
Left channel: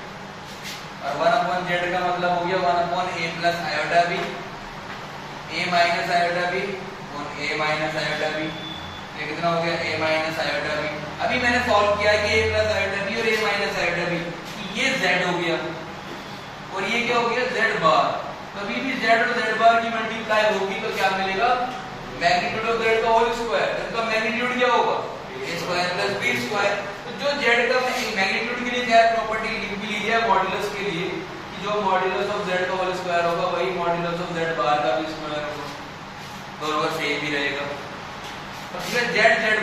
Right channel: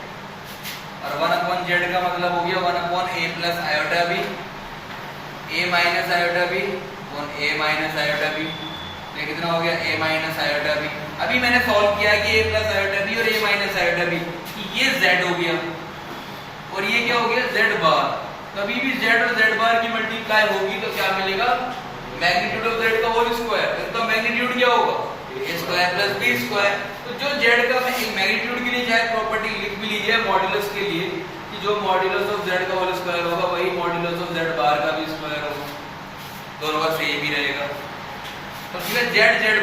और 1/z का मतलब हो गया 1/a plus iota b, a minus iota b, a minus iota b। ये कितना हो गया a माइनस आयोटा b। अभी मैंने सॉल्व किया कि a प्लस आयोटा b और a माइनस आयोटा b, ये z हो गया और ये क्या हो गया z बार। कभी भी z और z बार की मल्टीप्लाई होगी तो क्या मिलेगा, मैग्नीट्यूड ऑफ z का होल स्क्वायर। इसका मैग्नीट्यूड क्या होगा a square plus b square. तो जो z का मैग्नीट्यूड के लिए चाहे प्रॉपर्टी लिख भी लीजिए मॉड्यूलस के लिए कि जो मॉड्यूलस ऑफ z का होल स्क्वायर होगा वही मॉड्यूलस ऑफ z बार का भी स्क्वायर होगा, दोनों का सेम ही रहेगा। तो फिर z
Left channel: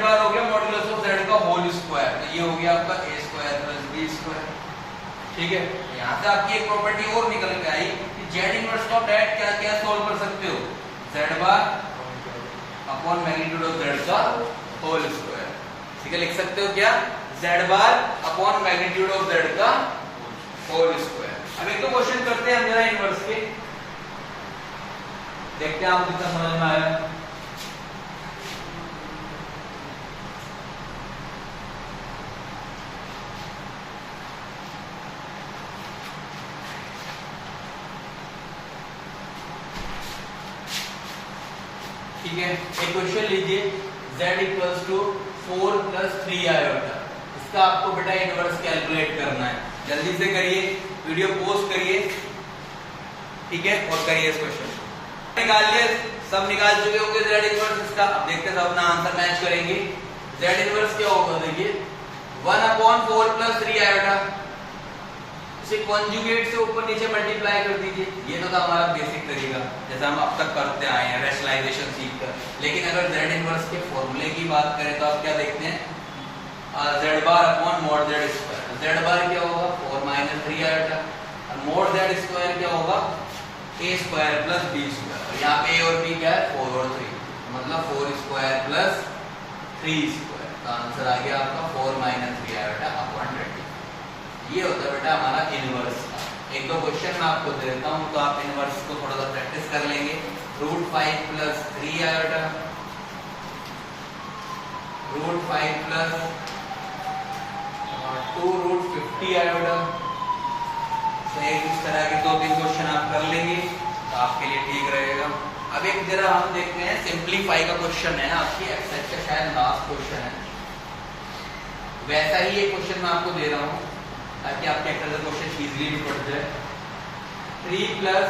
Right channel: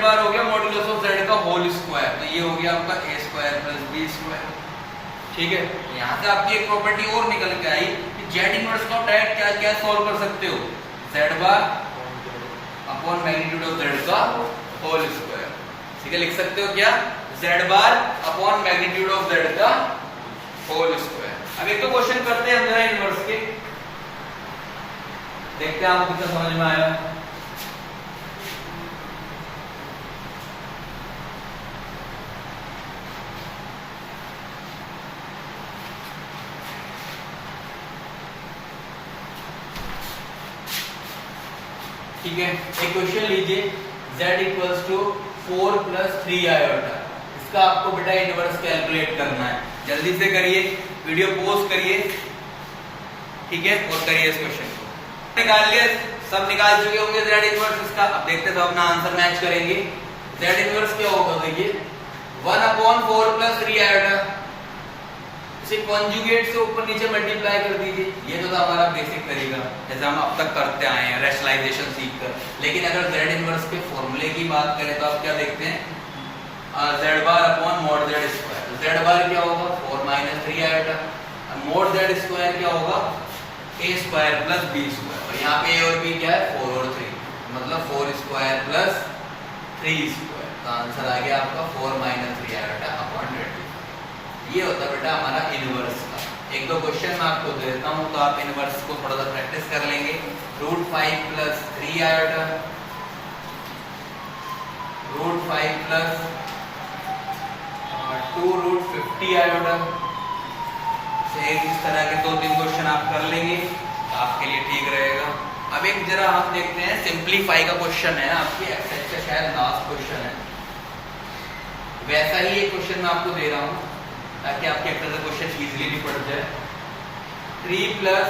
बार हो गया मॉड्यूलस ऑफ z का होल स्क्वायर, तो ये हो गया आपका a square plus b square. ठीक है, यहाँ से आपकी एक प्रॉपर्टी और निकल के आई कि z इनवर्स को आप डायरेक्ट क्या क्या सॉल्व कर सकते हो, z bar upon magnitude of z का होल स्क्वायर। ठीक है, लिख सकते हो क्या, z bar upon magnitude of z का होल स्क्वायर। अब एक तो क्वेश्चन करते हैं हम जरा इनवर्स के, देखते हैं आपको कितना समझ में आया। ठीक है, एक क्वेश्चन लीजिए z equals to 4 plus 3 iota. इसका आपको बेटा इनवर्स कैलकुलेट करना है, जल्दी से करिए, वीडियो पॉज करिए। ठीक है, और करिए इस क्वेश्चन को। निकाल लिया, सब निकाल चुके होंगे z इनवर्स इसका। अब देखते हैं सब अपना आंसर मैच करेंगे। z इनवर्स क्या होगा, देखिए 1/4 प्लस 3 आयोटा, इसे कॉन्जुगेट से ऊपर नीचे मल्टीप्लाई कर दीजिए। ये तो हमारा बेसिक तरीका जैसे हम अब तक करते आए हैं रैशनलाइजेशन सीखकर। लेकिन अगर z इनवर्स के फॉर्मूले की बात करें तो आप क्या देखते हैं, z bar upon mod z square. तो z बार क्या होगा 4 माइनस 3 आयोटा, और मॉड z स्क्वायर क्या होगा a square plus b square. और यहाँ पे a और b क्या है 4 और 3, मतलब 4 स्क्वायर प्लस 3 स्क्वायर। तो आंसर आ गया आपका 4 माइनस 3 आयोटा अपॉन 20। ये होता है बेटा हमारा इनवर्स। एक दो क्वेश्चन मैं आपको दे देता हूं तो आप इनवर्स को थोड़ा सा प्रैक्टिस कर लेंगे। √5 प्लस 3 आयोटा, √5 प्लस 2√50 आयोटा से इस तरह के 2-3 क्वेश्चन आप कर लेंगे तो आपके लिए ठीक रहेगा। अब एक जरा हम देखते हैं सिंप्लीफाई का क्वेश्चन है आपकी एक्सरसाइज का, शायद लास्ट क्वेश्चन है। वैसा ही एक क्वेश्चन मैं आपको दे रहा हूं ताकि आपके एक तरह क्वेश्चन इजीली भी पड़ जाए। 3 प्लस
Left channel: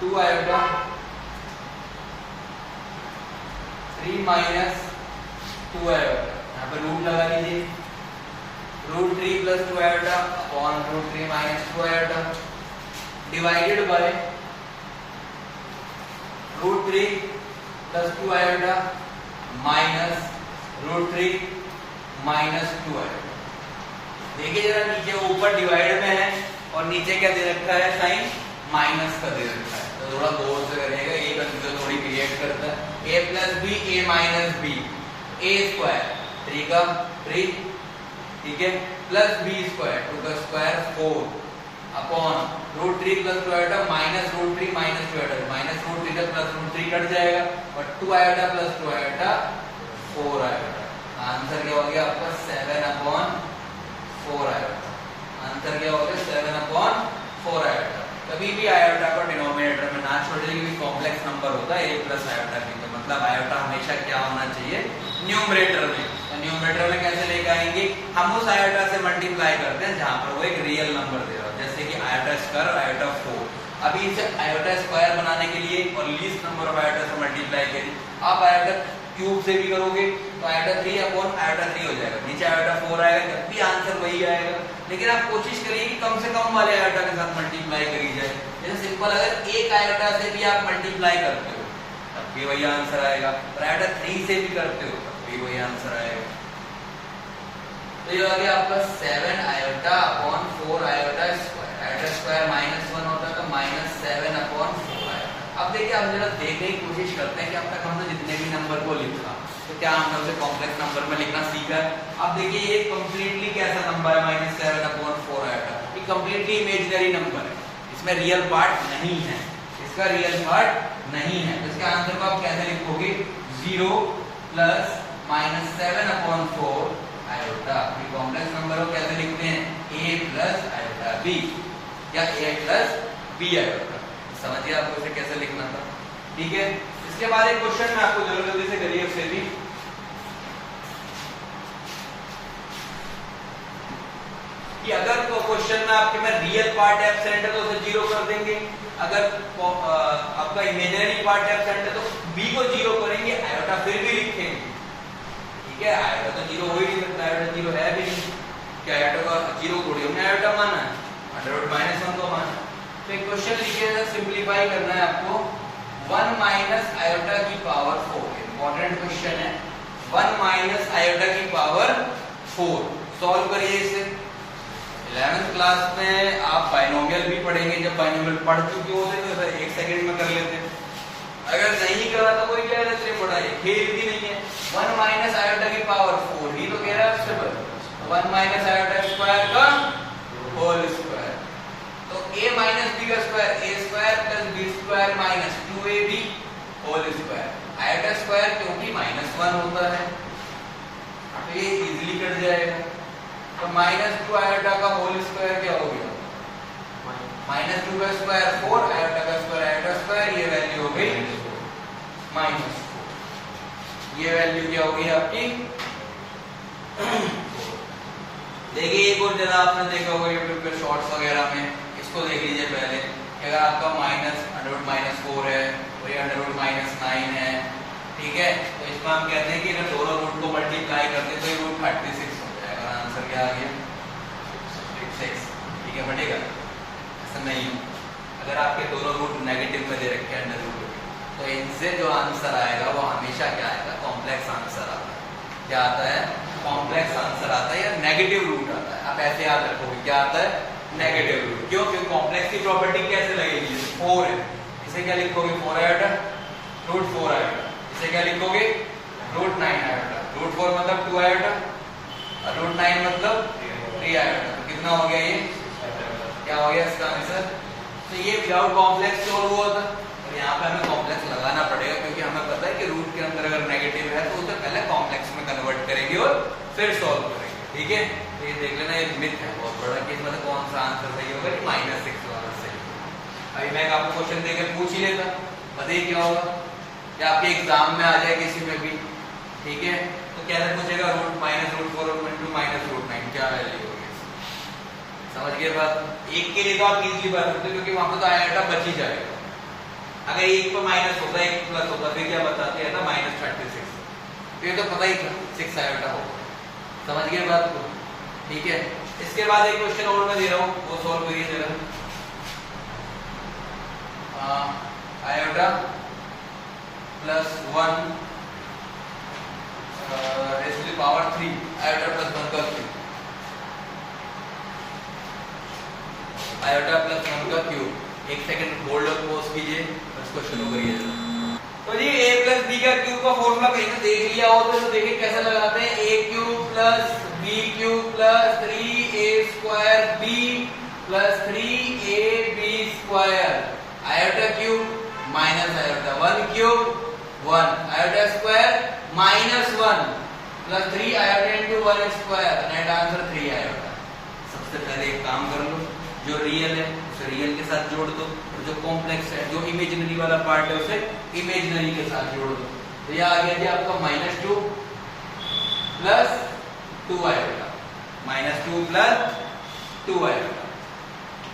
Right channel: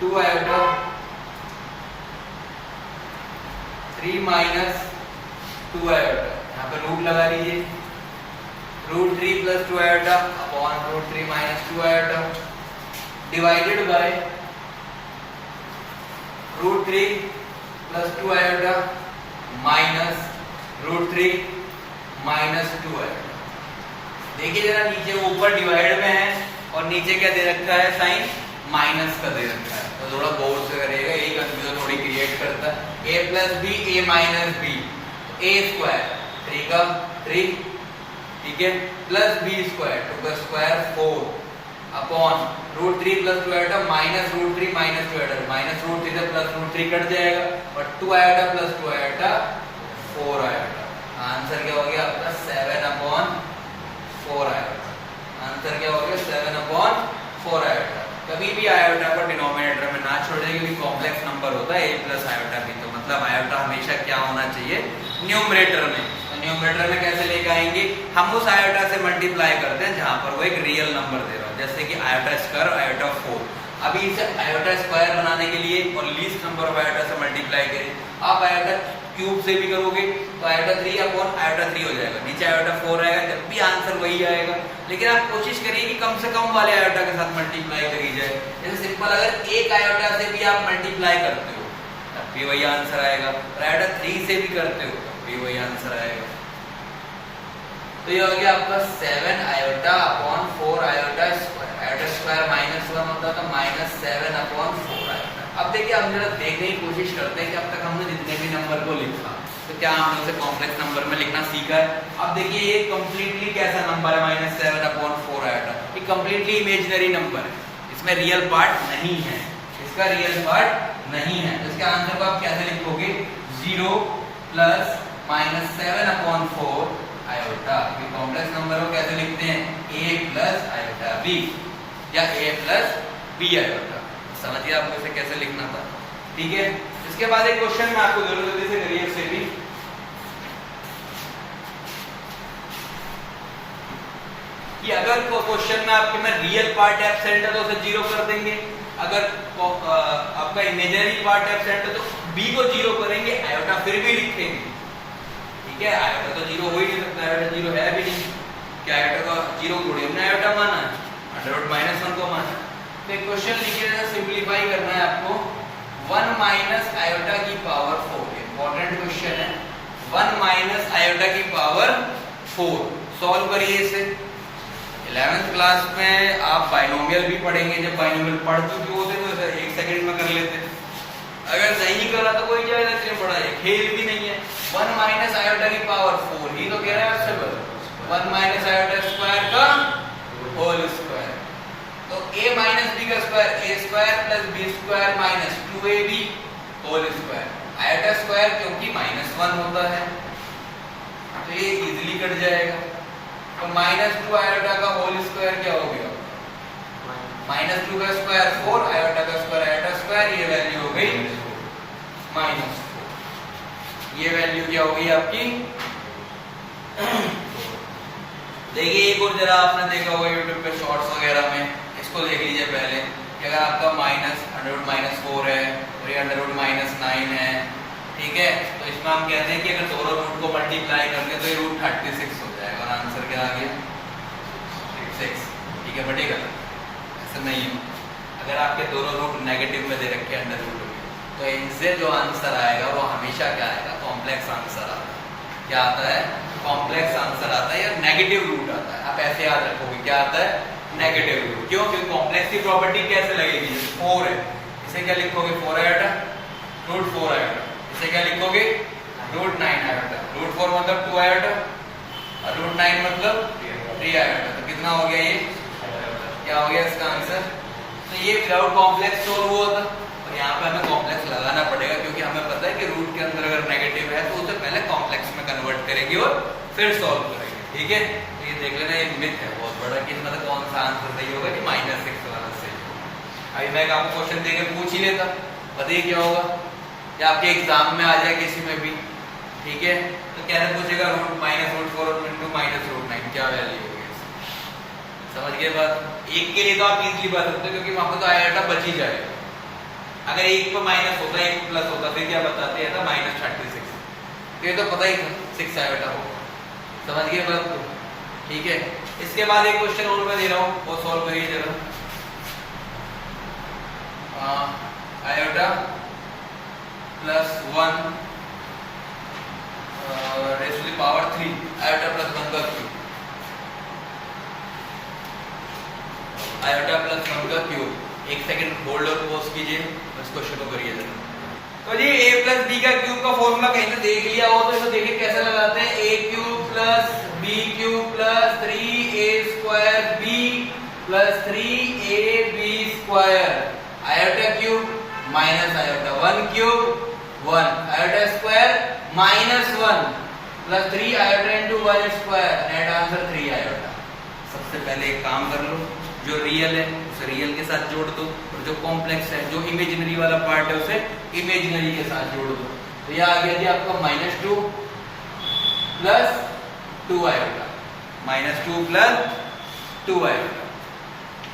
2 आयोटा, 3 माइनस 2 आयोटा, यहाँ पर रूट लगा लीजिए। √3 plus 2 iota upon √3 minus 2 iota divided by √3 plus 2 iota minus √3 minus 2 iota. देखिए जरा नीचे ऊपर डिवाइड में है और नीचे क्या दे रखा है, साइन माइनस का दे रखा है। तो थोड़ा गौर से करिएगा, ये कंफ्यूजन थोड़ी क्रिएट करता है। a plus B A minus B, a square 3 का 3, ठीक है, प्लस b स्क्वायर 2 का square 4 upon √3 plus 2 iota minus √3 minus 2 iota, minus √3 से प्लस √3 कट जाएगा और 2 iota plus 2 iota 4 iota. Answer क्या हो गया आपका 7/4 आयोटा। आंसर क्या हो गया 7/4 आयोटा। कभी भी आयोटा को डिनोमिनेटर में ना छोड़िए क्योंकि कॉम्प्लेक्स नंबर होता है a प्लस आयोटा भी, तो मतलब आयोटा हमेशा क्या होना चाहिए न्यूमरेटर में। तो न्यूमरेटर में कैसे लेके आएंगे, हम उस आयोटा से मल्टीप्लाई करते हैं जहां पर वो एक रियल नंबर दे रहा है, जैसे कि आयोटा स्क्वायर आयोटा 4। अभी इसे आयोटा स्क्वायर बनाने के लिए और लीस्ट नंबर ऑफ आयोटा से मल्टीप्लाई करिए। आप आयोटा क्यूब से भी करोगे तो आयोटा 3 अपॉन आयोटा 3 हो जाएगा, नीचे आयोटा 4 आएगा, जब भी आंसर वही आएगा। लेकिन आप कोशिश करिए कि कम से कम वाले आयोटा के साथ मल्टीप्लाई करी जाए। जैसे सिंपल अगर एक आयोटा से भी आप मल्टीप्लाई करते हो तब भी वही आंसर आएगा, और आयोटा 3 से भी करते हो तब भी वही आंसर आएगा। तो ये हो गया आपका 7 iota upon 4 iota square. Iota square -1 होता है तो -7/4 आयोटा। अब देखिए हम जरा देखने की कोशिश करते हैं कि अब तक हमने जितने भी नंबर को लिखा तो क्या हमने उसे कॉम्प्लेक्स नंबर में लिखना सीखा है। अब देखिए ये कंप्लीटली कैसा नंबर है -7/4 आयोटा, ये कंप्लीटली इमेजिनरी नंबर है, इसमें रियल पार्ट नहीं है, इसका रियल पार्ट नहीं है। तो इसके आंसर को आप कैसे लिखोगे, 0 प्लस -7/4 आयोटा। ये कॉम्प्लेक्स नंबर को कैसे लिखते हैं, a प्लस आयोटा b या a प्लस b आयोटा। समझिए आपको इसे कैसे लिखना था, ठीक है। इसके बाद एक क्वेश्चन मैं आपको जल्दी से करिए से भी कि अगर क्वेश्चन में आपके में रियल पार्ट एब्सेंट है तो उसे जीरो कर देंगे, अगर आपका इमेजिनरी पार्ट एब्सेंट है तो बी को जीरो करेंगे, आयोटा फिर भी लिखेंगे। ठीक है, आयोटा तो जीरो हो ही नहीं सकता, आयोटा जीरो है भी नहीं, क्या आयोटा का जीरो थोड़ी हमने आयोटा माना है, √-1 को माना। तो एक क्वेश्चन लिखिएगा, सिंपलीफाई करना है आपको। 1 माइनस आयोटा की पावर 4, इंपॉर्टेंट क्वेश्चन है। 1 माइनस आयोटा की पावर 4 सॉल्व करिए इसे। 11th क्लास में आप बाइनोमियल भी पढ़ेंगे, जब बाइनोमियल पढ़ चुके होते तो सर 1 सेकंड में कर लेते, अगर नहीं करा तो कोई जाएगा इतने बड़ा है, खेल भी नहीं है। 1 माइनस आयोटा की पावर 4 ही तो कह रहा है आपसे, 1 माइनस आयोटा स्क्वायर का होल स्क्वायर, तो a माइनस बी का square a square plus B square minus 2ab whole square. Iota square क्योंकि -1 होता है तो ये इजीली कट जाएगा। तो -2 आयोटा का होल स्क्वायर क्या हो गया, -2 का स्क्वायर 4, आयोटा का स्क्वायर आयोटा स्क्वायर, ये वैल्यू हो गई -4। ये वैल्यू क्या होगी आपकी देखिए एक और जरा आपने देखा होगा यूट्यूब पे शॉर्ट्स वगैरह में, इसको देख लीजिए पहले कि अगर आपका -√-4 है और ये √-9 है, ठीक है, तो इसमें हम कहते हैं कि अगर दोनों रूट को मल्टीप्लाई करते हैं तो ये रूट 36 हो जाएगा, आंसर क्या आ गया 6। ठीक है, बटेगा ऐसा नहीं है, अगर आपके दोनों रूट नेगेटिव में दे रखे हैं अंडर रूट, तो इनसे जो आंसर आएगा वो हमेशा क्या आएगा, कॉम्प्लेक्स आंसर आता है। क्या आता है, कॉम्प्लेक्स आंसर आता है या नेगेटिव रूट आता है। आप ऐसे याद रखोगे क्या आता है, नेगेटिव रूट। क्यों, क्योंकि कॉम्प्लेक्स की प्रॉपर्टी कैसे लगेगी, 4 है, इसे क्या लिखोगे 4 आयोटा √4 आयोटा, इसे क्या लिखोगे √9 आयोटा, √4 मतलब 2 आयोटा और √9 मतलब 3 आयोटा, तो कितना हो गया ये, क्या हो गया इसका आंसर। तो ये विदाउट कॉम्प्लेक्स सॉल्व हुआ था, और यहाँ पे हमें कॉम्प्लेक्स लगाना पड़ेगा क्योंकि हमें पता है कि रूट के अंदर अगर नेगेटिव है तो उसे पहले कॉम्प्लेक्स में कन्वर्ट करेंगे और फिर सॉल्व करेंगे। ठीक है, तो ये देख लेना एक मिथ है बहुत बड़ा कि इसमें कौन सा आंसर सही होगा कि -6 वाला सही होगा। अभी मैं आपको क्वेश्चन देके पूछ ही लेता, बताइए क्या होगा, या आपके एग्जाम में आ जाए किसी में भी, ठीक है, तो कैसे पूछेगा √-4 √9 क्या वैल्यू होगी, समझ गए बात। एक के लिए तो आप इजीली बता सकते हो क्योंकि वहां पर तो आयोटा बच ही जाएगा। अगर एक को माइनस होता है, एक प्लस होता, फिर क्या बताते हैं था -36, तो ये तो पता ही था 6 आयोटा होगा, समझ गए बात को। ठीक है, इसके बाद एक क्वेश्चन और मैं दे रहा हूँ, वो सॉल्व करिए जरा। Iota +1 raise to the power 3, iota +1 का क्यूब, आयोटा +1 का क्यूब। एक सेकंड होल्ड और पॉज कीजिए, इसको शुरू करिए। तो जी a प्लस बी का क्यूब का फॉर्मूला कहीं पे देख लिया हो तो इसको देखिए कैसे लगाते हैं, a cube plus b cube plus 3a square b plus 3ab square, iota cube minus iota 1 cube 1, iota square -1 plus 3 iota into 1 square, net answer 3 iota. सबसे पहले एक काम कर लो, जो रियल है उसे रियल के साथ जोड़ दो, और जो कॉम्प्लेक्स है, जो इमेजिनरी वाला पार्ट है उसे इमेजिनरी के साथ जोड़ दो। तो ये आ गया जी आपका -2 प्लस 2 आयोटा, -2 प्लस 2 आयोटा।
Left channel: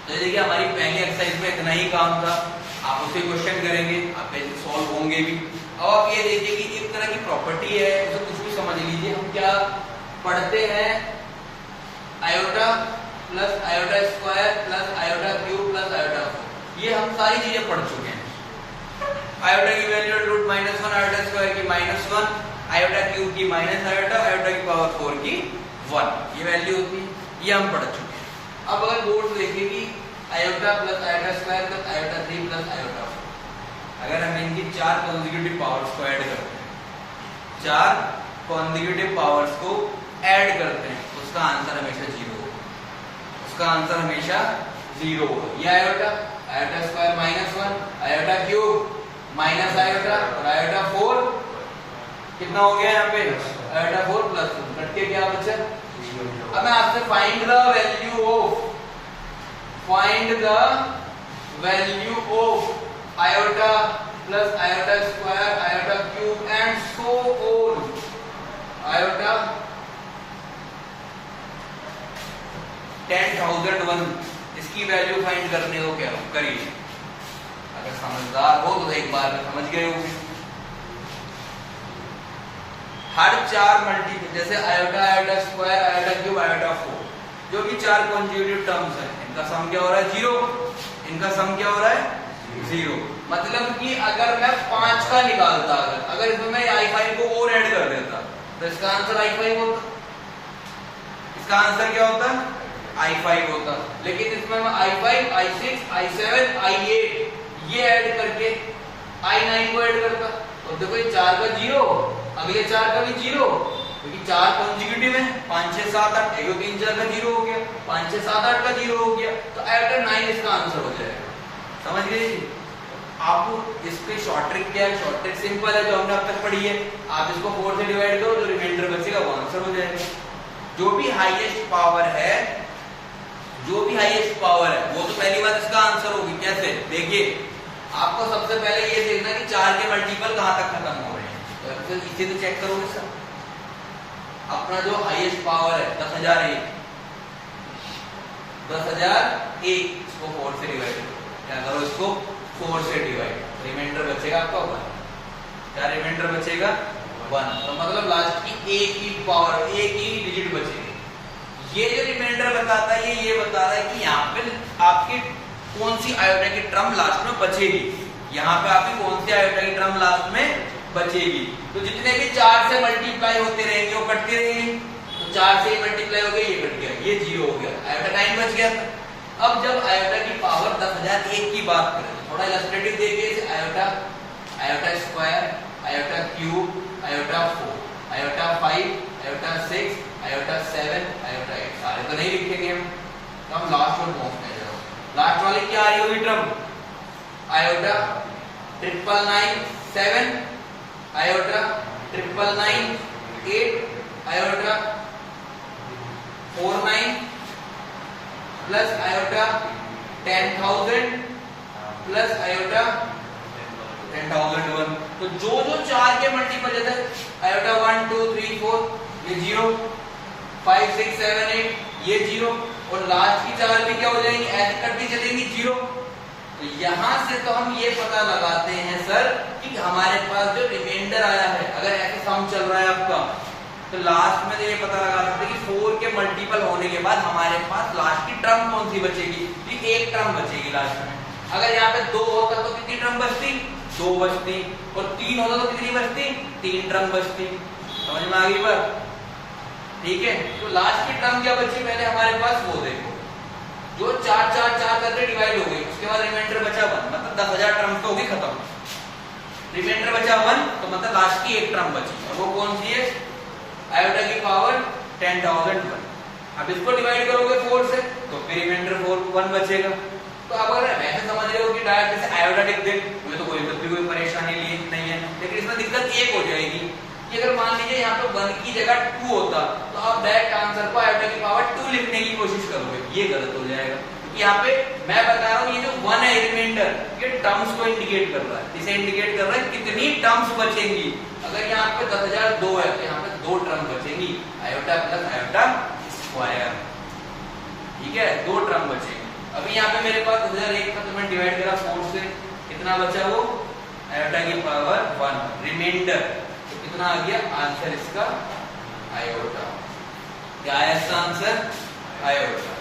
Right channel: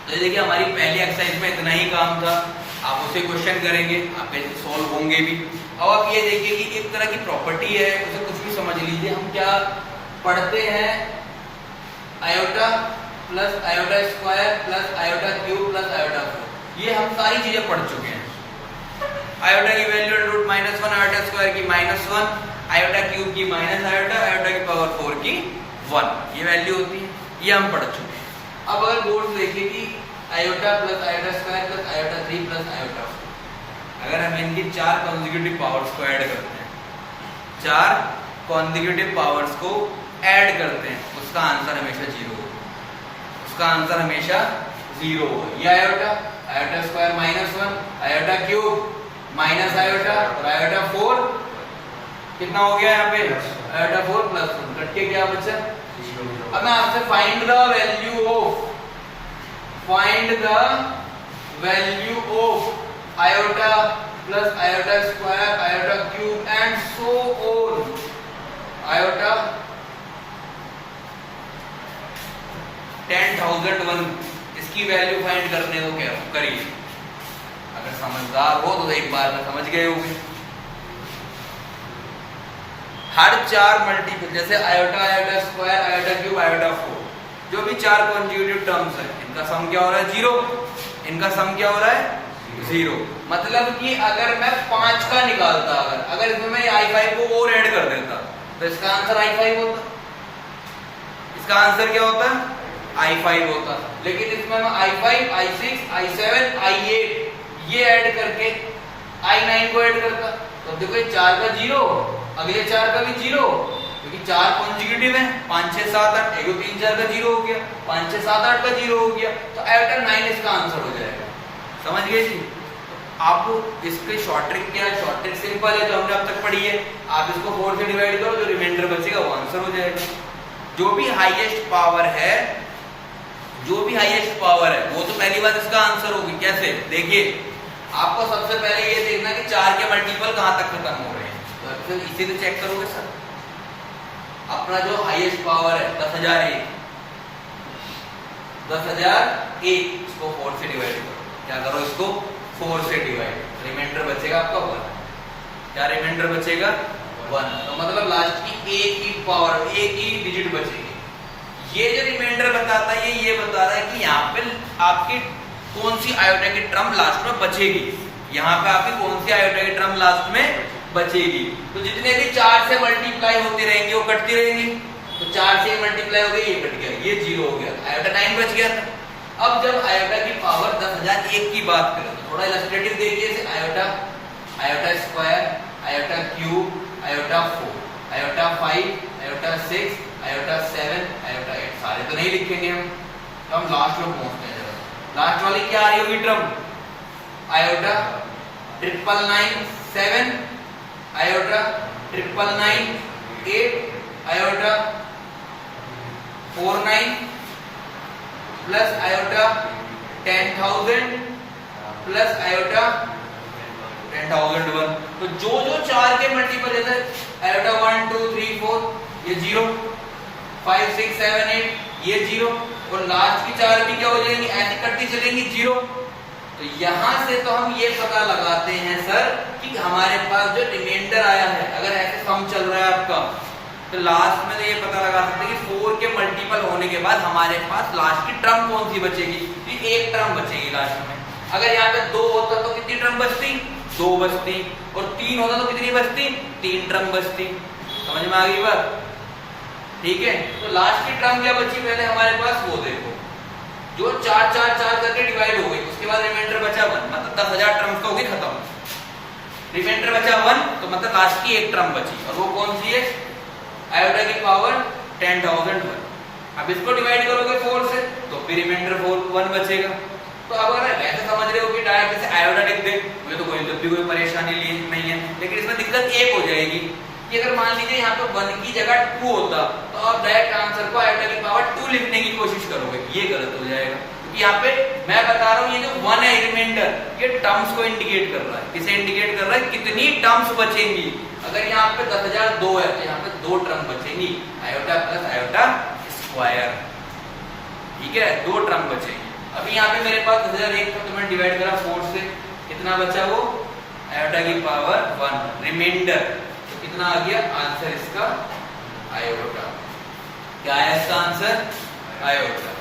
तो ये देखिए हमारी पहली एक्सरसाइज में इतना ही काम था, आप उसे क्वेश्चन करेंगे, आप सॉल्व होंगे भी। अब आप ये देखिए कि एक तरह की प्रॉपर्टी है, उसे कुछ भी समझ लीजिए, हम क्या पढ़ते हैं, iota plus iota square plus iota cube plus iota 4, ये हम सारी चीजें पढ़ चुके हैं। आयोटा की वैल्यू √-1, आयोटा स्क्वायर की -1, आयोटा क्यूब की माइनस आयोटा, आयोटा की पावर 4 की 1, ये वैल्यू होती है, ये हम पढ़ चुके हैं। अब अगर बोर्ड देखिए कि iota plus iota square plus iota 3 plus iota 4, अगर हम इनकी 4 कॉन्जिक्यूटिव पावर्स को ऐड करते हैं, 4 कॉन्जिक्यूटिव पावर्स को ऐड करते हैं, उसका आंसर हमेशा 0 होगा, उसका आंसर हमेशा 0 होगा। ये iota, iota square -1, iota cube minus iota और आयोटा 4 कितना हो गया यहाँ पे, आयोटा 4 प्लस 1, कट के क्या बचा। अब मैं आपसे find the value of iota plus iota square, iota cube and so on, iota 10,001 इसकी वैल्यू फाइंड करने को कह रहा हूं, करिए। अगर समझदार हो तो एक बार में समझ गए होंगे। हर चार मल्टीपल जैसे iota, iota square, iota cube, iota 4 जो भी चार कॉन्जुगेटिव टर्म्स है इनका सम क्या हो रहा है 0, इनका सम क्या हो रहा है 0। मतलब कि अगर मैं 5 का निकालता, अगर इसमें मैं i5 को और ऐड कर देता तो इसका आंसर i5 होता, इसका आंसर क्या होता i5 होता। लेकिन इसमें मैं i5, i6, i7, i8 ये ऐड करके i9 को ऐड करता तो देखो ये 4 का 0, अगले 4 का भी 0, क्योंकि 4 कॉन्जुगेटिव है, 5 6 7 8, 1 2 3 4 का 0 हो गया, 5 6 7 8 का 0 हो गया, तो आयोटा 9 इसका आंसर हो जाएगा। समझ गए जी? आपको इस पे शॉर्ट ट्रिक क्या है? शॉर्ट ट्रिक सिंपल है जो हमने अब तक पढ़ी है। आप इसको 4 से डिवाइड करो, जो रिमाइंडर बचेगा वो आंसर हो जाएगा। जो भी हाईएस्ट पावर है, जो भी हाईएस्ट पावर है वो तो पहली बात इसका आंसर होगी। कैसे? देखिए, आपको सबसे पहले ये देखना कि 4 के मल्टीपल कहां तक खत्म हो रहे हैं, तो इसे तो चेक करोगे सर। अपना जो हाईएस्ट पावर है 10,001, 10,001 इसको 4 से डिवाइड करो। क्या करो? इसको 4 से डिवाइड, रिमाइंडर बचेगा आपका 1। क्या रिमाइंडर बचेगा? 1। तो मतलब लास्ट की एक ही पावर, एक ही डिजिट बचेगी। ये जो रिमाइंडर बताता है ये बता रहा है कि यहाँ पे आपकी कौन सी आयोटा की टर्म लास्ट में बचेगी, यहाँ पे आपकी कौन सी आयोटा की टर्म लास्ट में बचेगी। तो जितने भी 4 से मल्टीप्लाई होती रहेंगी वो कटती रहेंगी, तो 4 से मल्टीप्लाई हो गई, ये कट गया, ये 0 हो गया, आयोटा 9 बच गया था। अब जब आयोटा की पावर 10,001 की बात करें, थोड़ा इलस्ट्रेटिव देखिए, iota, iota square, iota cube, iota 4, iota 5, iota 6, iota 7, iota 8, सारे तो नहीं लिखेंगे हम, तो हम लास्ट में पहुंचने जा रहे हैं। लास्ट वाली क्या आ रही होगी term? Iota 999 7, iota 999 8, iota 49 plus iota 10,000 plus iota 10,001। तो जो 4 के मल्टीपल जैसे आयोटा 1 2 3 4 ये 0, 5 6 7 8 ये 0, और लास्ट की 4 भी क्या हो जाएंगी? ऐसे कटती चलेंगी 0। तो यहां से तो हम ये पता लगाते हैं सर कि हमारे पास जो रिमाइंडर आया है, अगर ऐसे सम चल रहा है आपका, तो लास्ट में ये पता लगा सकते हैं कि 4 के मल्टीपल होने के बाद हमारे पास लास्ट की टर्म कौन सी बचेगी? एक टर्म बचेगी लास्ट में। अगर यहाँ पे 2 होता तो कितनी टर्म बचती? 2 बचती, और 3 होता तो कितनी बचती? 3 टर्म बचती। समझ में आ गई बात? ठीक है, तो लास्ट की टर्म क्या बची पहले हमारे पास वो देखो, जो 4 4 4 करके डिवाइड हो गई, उसके बाद रिमाइंडर बचा 1, मतलब 10,000 टर्म तो होगी खत्म। रिमाइंडर बचा 1, तो मतलब लास्ट की एक टर्म बची, और वो कौन सी है? आयोटा की पावर 10,001। अब इसको डिवाइड करोगे 4 से तो फिर रिमाइंडर 1 बचेगा। तो अब अगर ऐसे समझ रहे हो कि डायरेक्ट जैसे आयोटा लिख दे, मुझे तो कोई परेशानी नहीं है, लेकिन इसमें दिक्कत एक हो जाएगी कि अगर मान लीजिए यहाँ पे 1 की जगह 2 होता तो आप डायरेक्ट आंसर को आयोटा की पावर 2 लिखने की कोशिश करोगे, ये गलत हो जाएगा। क्योंकि यहाँ पे मैं बता रहा हूँ ये जो 1 है रिमाइंडर, ये टर्म्स को इंडिकेट कर रहा है। किसे इंडिकेट कर रहा है? कितनी टर्म्स बचेंगी। अगर यहाँ पे 10,002 है तो यहाँ पे 2 टर्म बचेंगी, आयोटा प्लस आयोटा स्क्वायर। ठीक है, 2 टर्म बचेंगी। अभी यहाँ पे मेरे पास 10,001 था तो मैं डिवाइड करा 4 से, कितना बचा? वो आयोटा की पावर 1 रिमाइंडर, तो कितना आ गया आंसर इसका? आयोटा। क्या है इसका आंसर? आयोटा।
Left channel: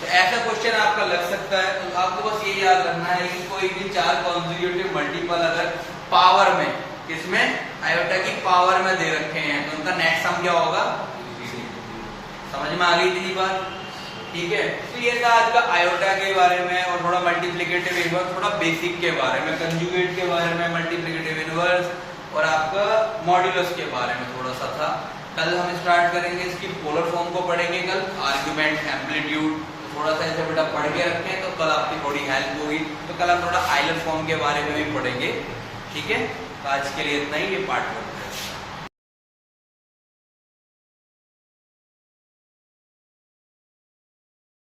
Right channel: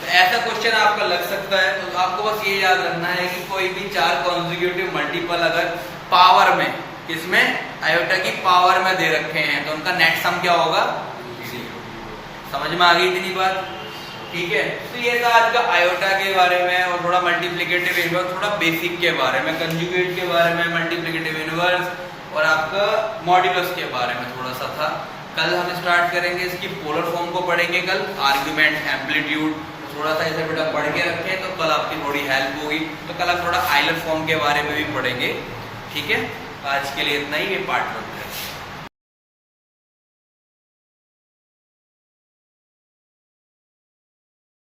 तो ऐसा क्वेश्चन आपका लग सकता है, तो आपको बस ये याद रखना है कि कोई भी 4 कॉन्जिक्यूटिव मल्टीपल अगर पावर में, इसमें आयोटा की पावर में दे रखे हैं तो उनका नेट सम क्या होगा? समझ में आ गई इतनी बात? ठीक है, तो ये था आज का आयोटा के बारे में, और थोड़ा मल्टीप्लिकेटिव इनवर्स, थोड़ा बेसिक के बारे में, कंजुगेट के बारे में, मल्टीप्लिकेटिव इनवर्स, और आपका मॉड्यूलस के बारे में थोड़ा सा था। कल हम स्टार्ट करेंगे इसकी पोलर फॉर्म को पढ़ेंगे कल, आर्ग्यूमेंट, एम्पलीट्यूड, थोड़ा सा इसे बेटा पढ़ के रखें तो कल आपकी थोड़ी हेल्प होगी। तो कल हम थोड़ा आइलर फॉर्म के बारे में भी पढ़ेंगे। ठीक है, आज के लिए इतना ही, ये पार्ट 1।